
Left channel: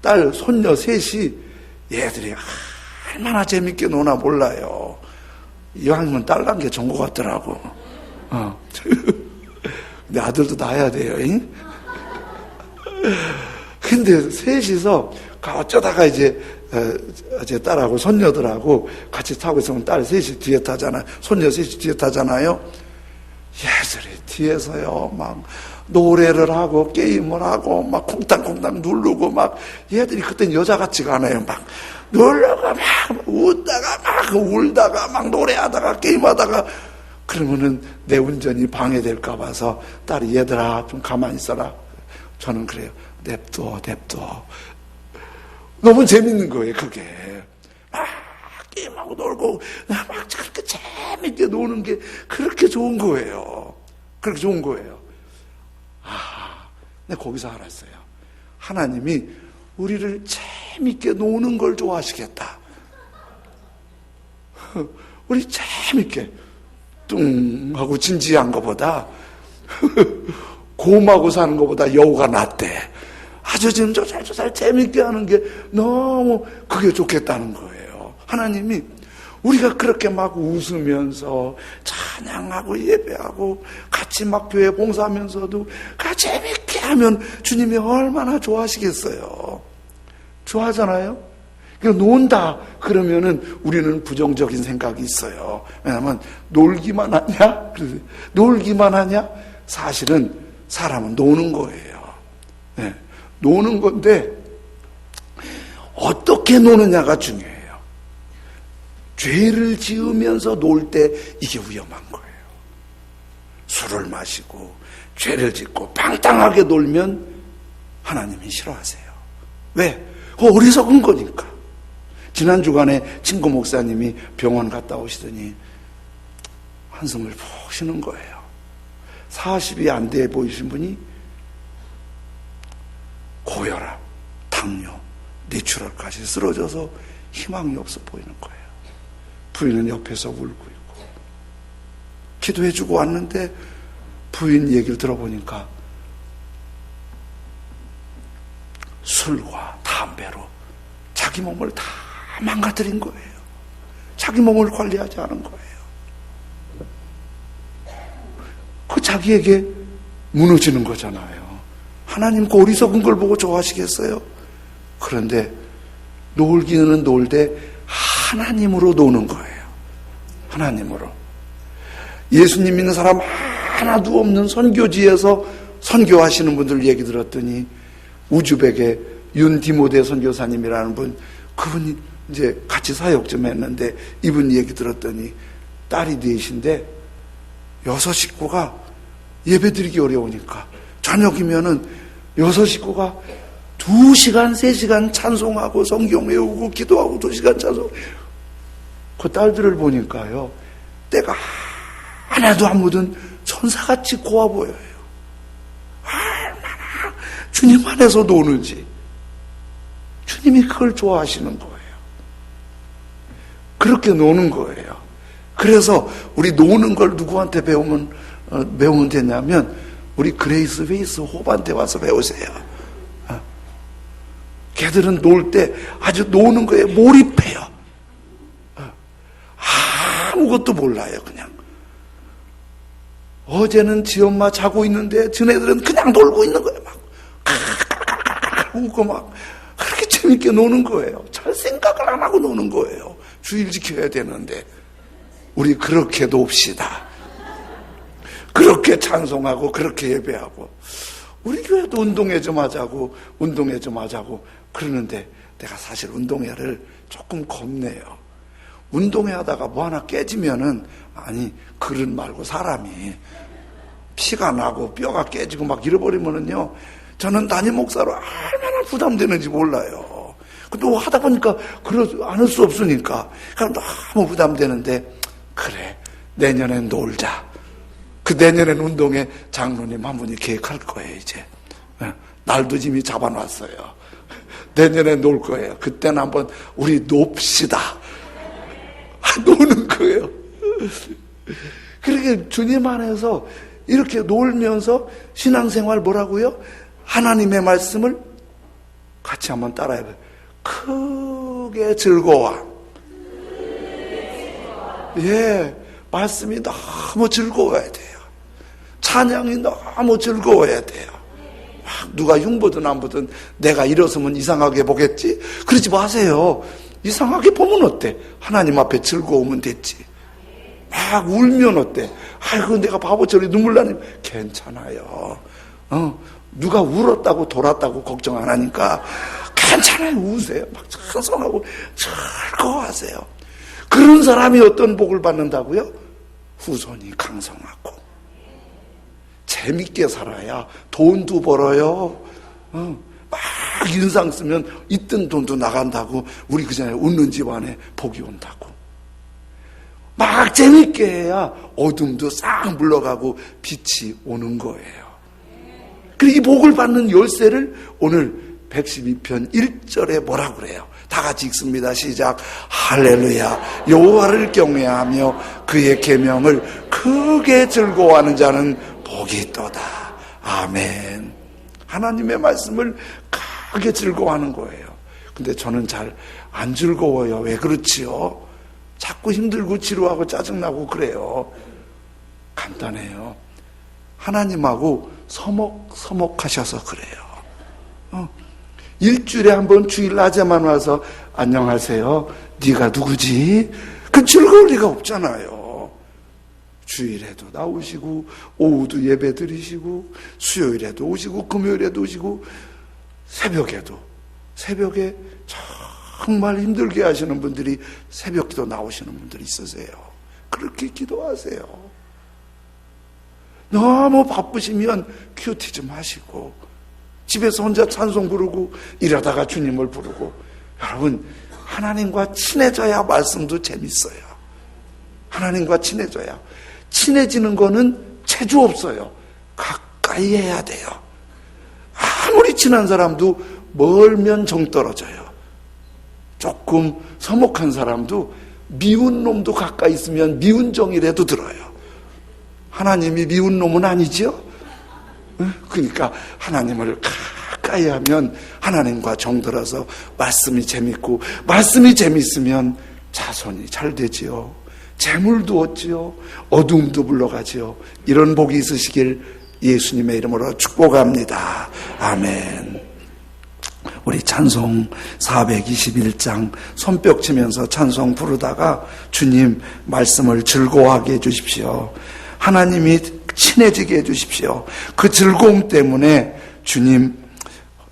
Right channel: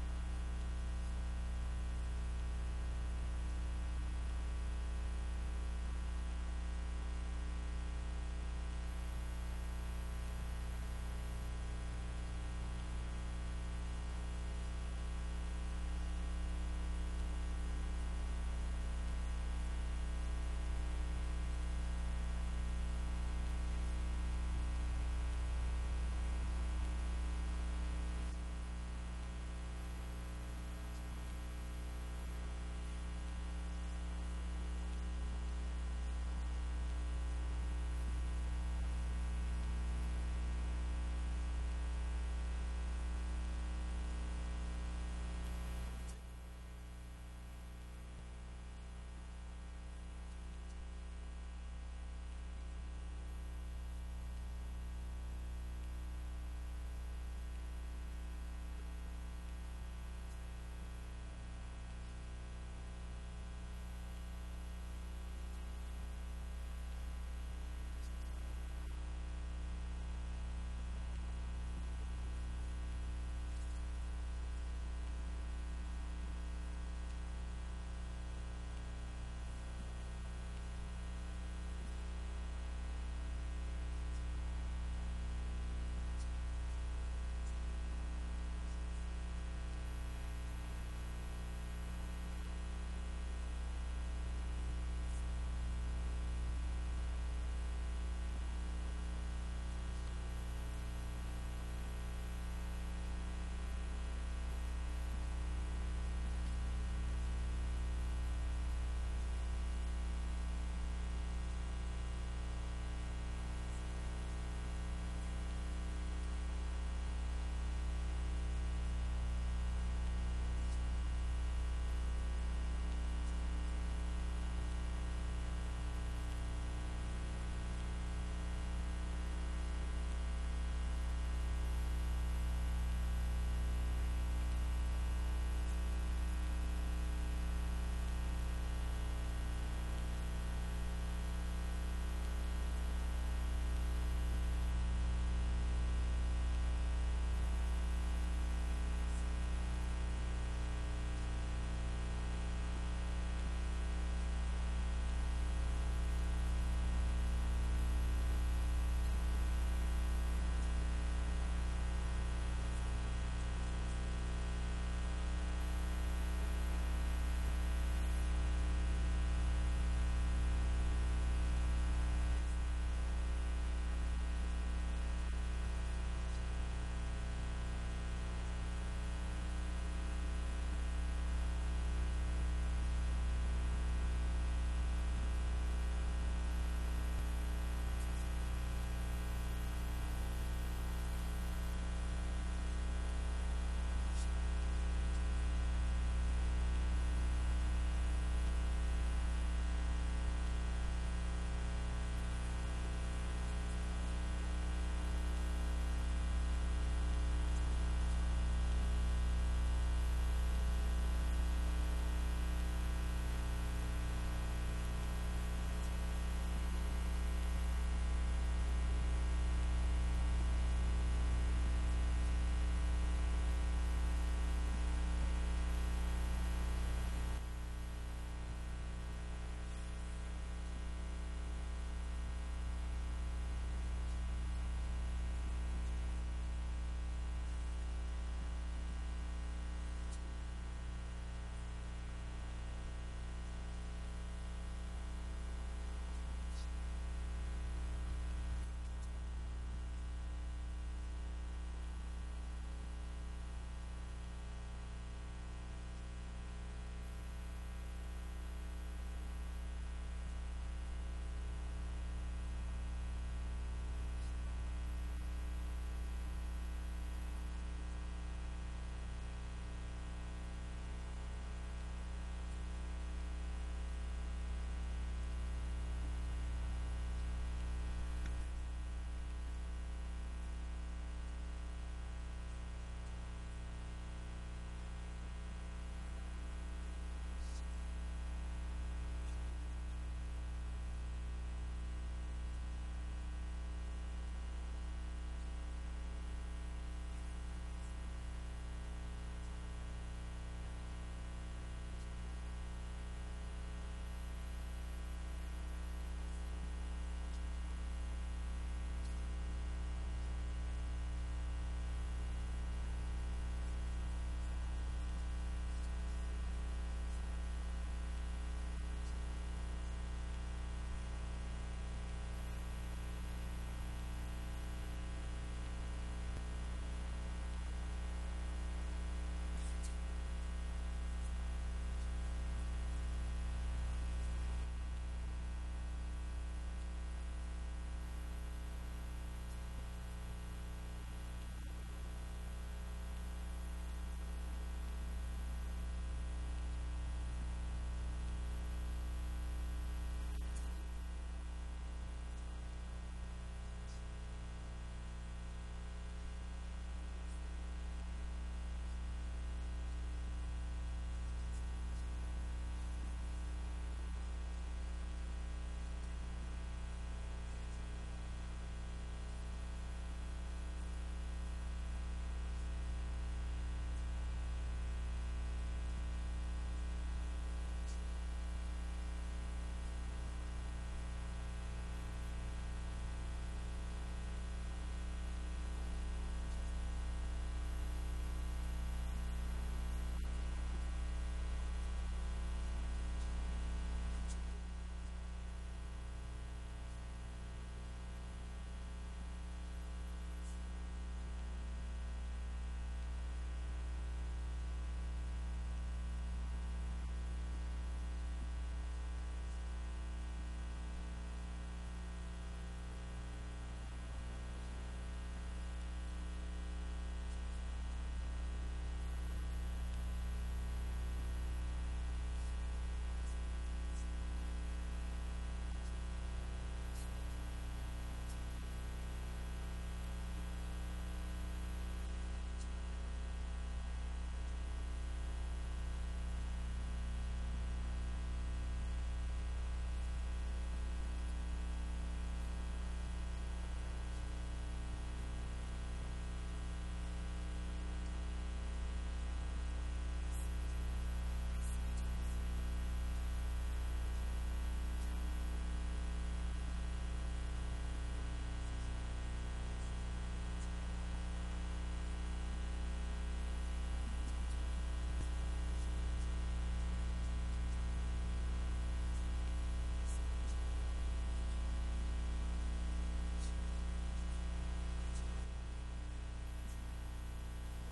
딸 손녀 셋이 얘들이 얼마나 재밌게 노나 몰라요. 이왕이면 딸 난 게 좋은 것 같더라고. 근데 아들도 낳아야 돼요. 잉? 근데 셋이서 어쩌다가 이제 제 딸하고 손녀들하고 같이 타고 있으면 딸 셋이 뒤에 타잖아요. 손녀 셋이 뒤에 타잖아요. 얘들이 뒤에서요 막 노래를 하고 게임을 하고 막 콩닥콩닥 누르고 막 얘들이 그땐 여자 같지가 않아요. 막 누르고 막 웃다가 막 울다가 막 노래하다가 게임하다가 그러면은 내 운전이 방해될까 봐서 딸이 얘들아 좀 가만히 있어라. 저는 그래요. 냅둬. 너무 재밌는 거예요 그게. 막 게임하고 놀고 막 그렇게 재밌게 노는 게 그렇게 좋은 거예요. 그렇게 좋은 거예요. 근데 거기서 알았어요. 하나님이 우리를 재밌게 노는 걸 좋아하시겠다. 우리 재밌게 뚱 하고 진지한 것보다 곰하고 사는 것보다 여우가 낫대. 아주 지금 조잘조잘 재밌게 하는 게 너무 그게 좋겠다는 거예요. 하나님이 우리가 그렇게 막 웃으면서 찬양하고 예배하고 같이 막 교회 봉사하면서도 같이 재밌게 하면 주님이 얼마나 좋아하시겠어요. 좋아하잖아요. 그러니까 논다 그러면은 우리는 부정적인 생각이 있어요. 왜냐하면 놀기만 하냐? 놀기만 하냐? 사실은 사람은 노는 거예요. 네. 노는 건데 어떻게 노느냐가 중요해요. 죄를 지으면서 놀 때 이게 위험한 거예요. 술을 마시고 죄를 짓고 방탕하게 놀면 하나님이 싫어하세요. 왜? 어리석은 거니까. 지난 주간에 친구 목사님이 병원 갔다 오시더니 한숨을 푹 쉬는 거예요. 40이 안 돼 보이신 분이 고혈압, 당뇨, 뇌출혈까지 쓰러져서 희망이 없어 보이는 거예요. 부인은 옆에서 울고 있고 기도해주고 왔는데 부인 얘기를 들어보니까 술과 담배로 자기 몸을 다 망가뜨린 거예요. 자기 몸을 관리하지 않은 거예요. 그 자기에게 무너지는 거잖아요. 하나님 그 어리석은 걸 보고 좋아하시겠어요? 그런데 놀기는 놀되 하나님으로 노는 거예요. 하나님으로. 예수님 믿는 사람 하나도 없는 선교지에서 선교하시는 분들 얘기 들었더니 우즈벡의 윤디모데 선교사님이라는 분, 그분이 이제 같이 사역 좀 했는데 이분 얘기 들었더니 딸이 넷인데 6 식구가 예배드리기 어려우니까 저녁이면은 6 식구가 2시간, 3시간 찬송하고 성경 외우고 기도하고 2시간 찬송. 그 딸들을 보니까요, 때가 하나도 안 묻은 천사같이 고와 보여요. 얼마나 주님 안에서 노는지. 주님이 그걸 좋아하시는 거예요. 그렇게 노는 거예요. 그래서 우리 노는 걸 누구한테 배우면 되냐면 우리 그레이스 베이스 호반테 와서 배우세요. 걔들은 놀 때 아주 노는 거에 몰입해요. 아무것도 몰라요. 그냥 어제는 지 엄마 자고 있는데 쟤네들은 그냥 놀고 있는 거예요. 막 웃고 막 그렇게 재밌게 노는 거예요. 잘 생각을 안 하고 노는 거예요. 주일 지켜야 되는데. 우리 그렇게 놉시다. 그렇게 찬송하고 그렇게 예배하고. 우리 교회도 운동회 좀 하자고 그러는데 내가 사실 운동회를 조금 겁내요. 운동회 하다가 뭐 하나 깨지면은, 아니 그릇 말고 사람이 피가 나고 뼈가 깨지고 막 잃어버리면은요, 저는 담임 목사로 얼마나 부담되는지 몰라요. 근데 하다 보니까 그러지 않을 수 없으니까 너무 부담되는데, 그래 내년엔 놀자. 그 내년엔 운동회 장로님 한 분이 계획할 거예요. 이제 날도 이미 잡아놨어요. 내년에 놀 거예요. 그때는 한번 우리 놉시다. 노는 거예요. 그렇게 주님 안에서 이렇게 놀면서 신앙생활 뭐라고요? 하나님의 말씀을 같이 한번 따라해봐요. 크게 즐거워. 예, 말씀이 너무 즐거워야 돼요. 찬양이 너무 즐거워야 돼요. 누가 흉보든 안 보든 내가 일어서면 이상하게 보겠지? 그러지 마세요. 이상하게 보면 어때? 하나님 앞에 즐거우면 됐지. 막 울면 어때? 아이고 내가 바보처럼 눈물 나니 괜찮아요. 누가 울었다고 돌았다고 걱정 안 하니까 괜찮아요. 우세요. 막 찬송하고 즐거워하세요. 그런 사람이 어떤 복을 받는다고요? 후손이 강성하고 재밌게 살아야 돈도 벌어요. 막 인상 쓰면 있던 돈도 나간다고. 우리 그전에 웃는 집안에 복이 온다고. 막 재밌게 해야 어둠도 싹 물러가고 빛이 오는 거예요. 그리고 이 복을 받는 열쇠를 오늘 112편 1절에 뭐라 그래요? 다 같이 읽습니다. 시작. 할렐루야. 여호와를 경외하며 그의 계명을 크게 즐거워하는 자는 복이 있도다. 아멘. 하나님의 말씀을 크게 즐거워하는 거예요. 근데 저는 잘 안 즐거워요. 왜 그렇지요? 자꾸 힘들고 지루하고 짜증나고 그래요. 간단해요. 하나님하고 서먹하셔서 그래요. 일주일에 한 번 주일 낮에만 와서 안녕하세요. 네가 누구지? 그 즐거울 리가 없잖아요. 주일에도 나오시고 오후도 예배 드리시고 수요일에도 오시고 금요일에도 오시고 새벽에 정말 힘들게 하시는 분들이 새벽기도 나오시는 분들이 있으세요. 그렇게 기도하세요. 너무 바쁘시면 큐티 좀 하시고 집에서 혼자 찬송 부르고 이러다가 주님을 부르고. 여러분, 하나님과 친해져야 말씀도 재밌어요. 하나님과 친해져야. 친해지는 거는 체주 없어요. 가까이 해야 돼요. 아무리 친한 사람도 멀면 정 떨어져요. 조금 서먹한 사람도 미운 놈도 가까이 있으면 미운 정이라도 들어요. 하나님이 미운 놈은 아니죠? 그러니까 하나님을 가까이 하면 하나님과 정들어서 말씀이 재밌고, 말씀이 재밌으면 자손이 잘 되지요. 재물도 얻지요. 어둠도 물러가지요. 이런 복이 있으시길 예수님의 이름으로 축복합니다. 아멘. 우리 찬송 421장 손뼉 치면서 찬송 부르다가 주님 말씀을 즐거워하게 해주십시오. 하나님이 친해지게 해주십시오. 그 즐거움 때문에 주님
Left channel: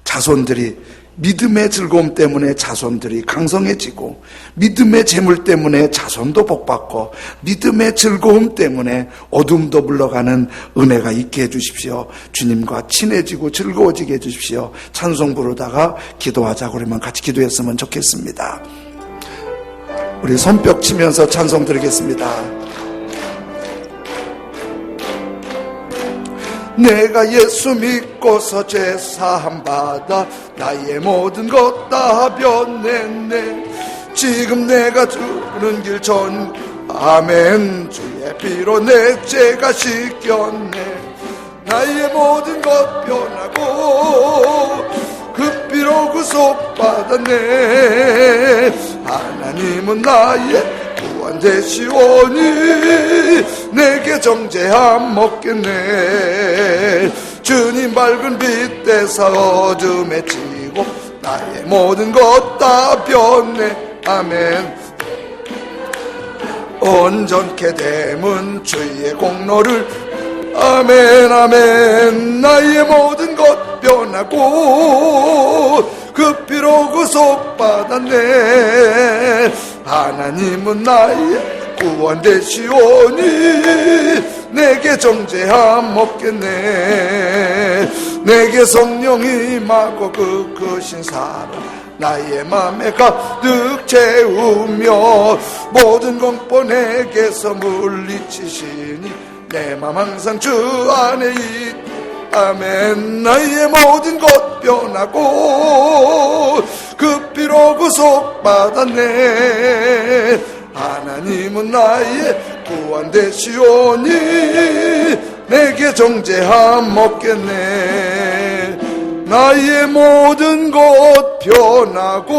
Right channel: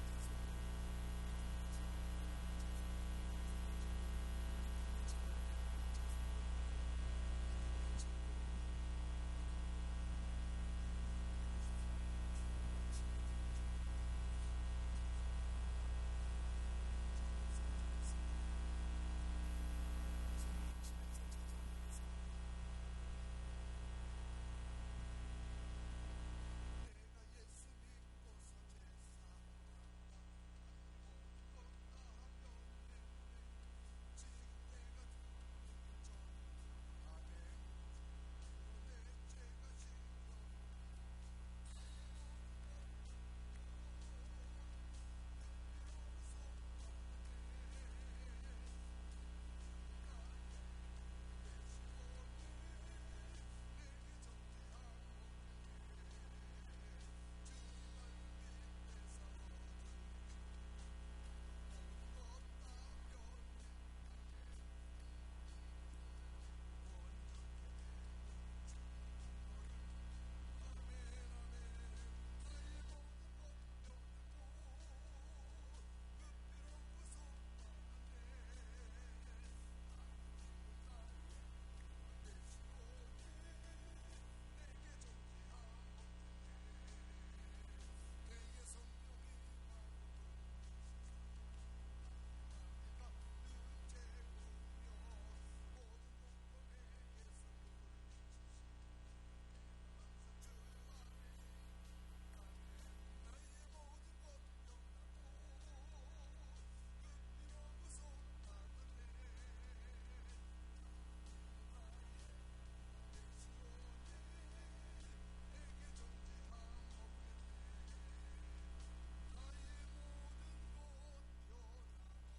자손들이, 믿음의 즐거움 때문에 자손들이 강성해지고, 믿음의 재물 때문에 자손도 복받고, 믿음의 즐거움 때문에 어둠도 물러가는 은혜가 있게 해주십시오. 주님과 친해지고 즐거워지게 해주십시오. 찬송 부르다가 기도하자고 그러면 같이 기도했으면 좋겠습니다. 우리 손뼉 치면서 찬송 드리겠습니다. 내가 예수 믿고서 죄 사함 받아 나의 모든 것 다 변했네. 지금 내가 두는 길 전 아멘. 주의 피로 내 죄가 씻겼네. 나의 모든 것 변하고 그 피로 구속받았네. 하나님은 나의 구원 되시오니 내게 정죄함 없겠네. 주님 밝은 빛 대사 어둠에 지고 나의 모든 것 다 변네. 아멘. 온전케 됨은 주의 공로를 아멘 아멘. 나의 모든 것 변하고 그 피로 구속받았네. 하나님은 나의 구원 되시오니 내게 정죄함 없겠네. 내게 성령이 임하고 그 크신 사랑 나의 맘에 가득 채우며 모든 공포 내게서 물리치시니 내 맘 항상 주 안에 아멘. 나의 모든 것 변하고 그 피로 구속받았네. 하나님은 나의 구원 되시오니 내게 정죄함 없겠네. 나의 모든 것 변하고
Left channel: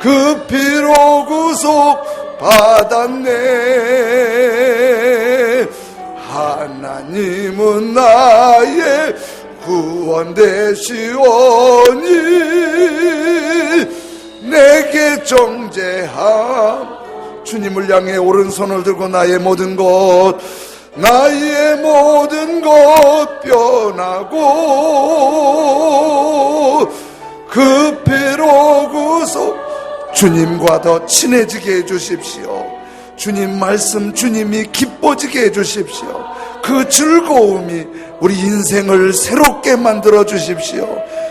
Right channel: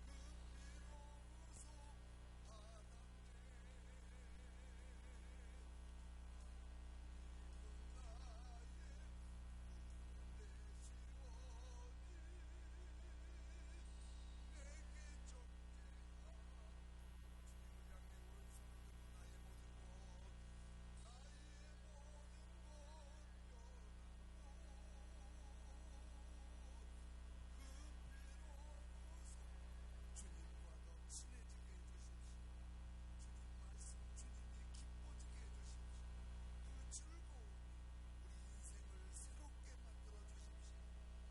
그 피로 구속받았네. 하나님은 나의 구원 되시오니 내게 정죄함. 주님을 향해 오른손을 들고 나의 모든 것 변하고 그 피로 구속. 주님과 더 친해지게 해주십시오. 주님 말씀 주님이 기뻐지게 해주십시오. 그 즐거움이 우리 인생을 새롭게 만들어 주십시오.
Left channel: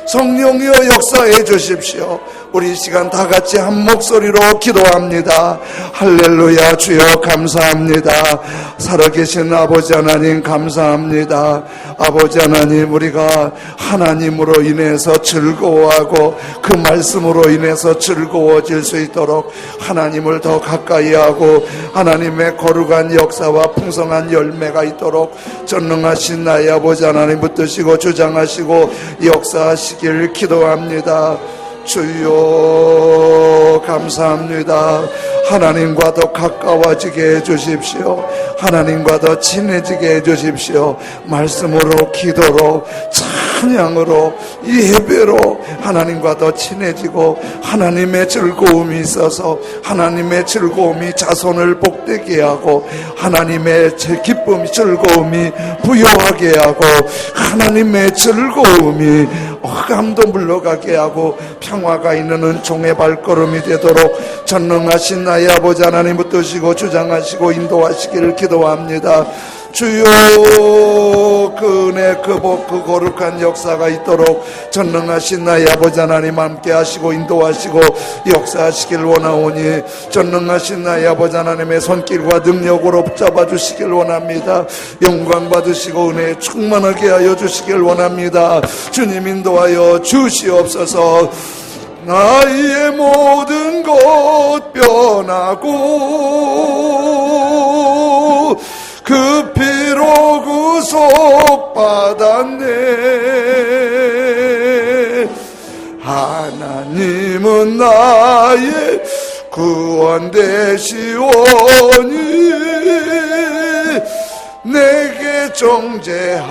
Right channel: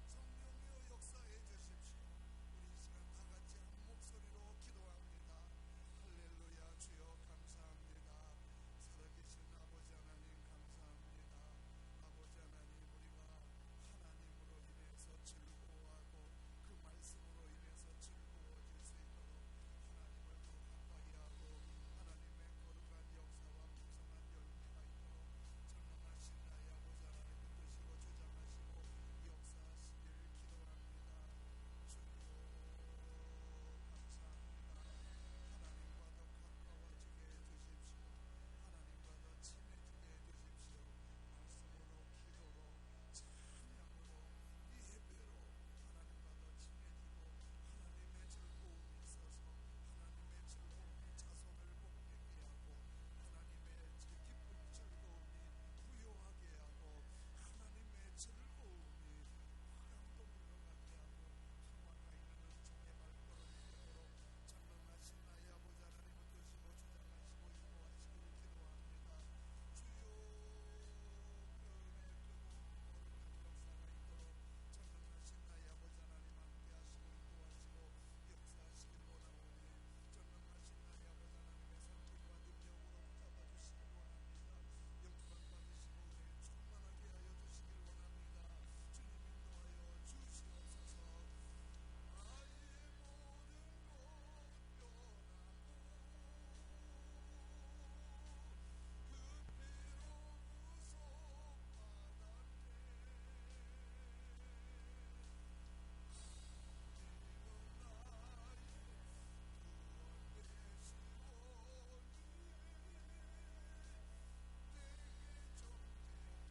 성령이여 역사해 주십시오. 우리 이 시간 다 같이 한 목소리로 기도합니다. 할렐루야. 주여 감사합니다. 살아계신 아버지 하나님 감사합니다. 아버지 하나님, 우리가 하나님으로 인해서 즐거워하고 그 말씀으로 인해서 즐거워질 수 있도록 하나님을 더 가까이 하고 하나님의 거룩한 역사와 풍성한 열매가 있도록 전능하신 나의 아버지 하나님 붙드시고 주장하시고 역사하시길 기도합니다. 주여 감사합니다. 하나님과 더 가까워지게 해주십시오. 하나님과 더 친해지게 해주십시오. 말씀으로, 기도로, 찬양으로, 예배로 하나님과 더 친해지고 하나님의 즐거움이 있어서 하나님의 즐거움이 자손을 복되게 하고 하나님의 기쁨이 즐거움이 부여하게 하고 하나님의 즐거움이 흑암도 물러가게 하고 평화가 있는 은총의 발걸음이 되도록 전능하신 나의 아버지 하나님 붙드시고 주장하시고 인도하시기를 기도합니다. 주여 그 은혜 그 복 그 거룩한 역사가 있도록 전능하신 나의 아버지 하나님 함께 하시고 인도하시고 역사하시길 원하오니 전능하신 나의 아버지 하나님의 손길과 능력으로 붙잡아 주시길 원합니다. 영광 받으시고 은혜에 충만하게 하여 주시길 원합니다. 주님 인도하여 주시옵소서. 나의 모든 것 변하고 그 피로 구속받았네. 하나님은 나의 구원 되시오니 내게 정죄하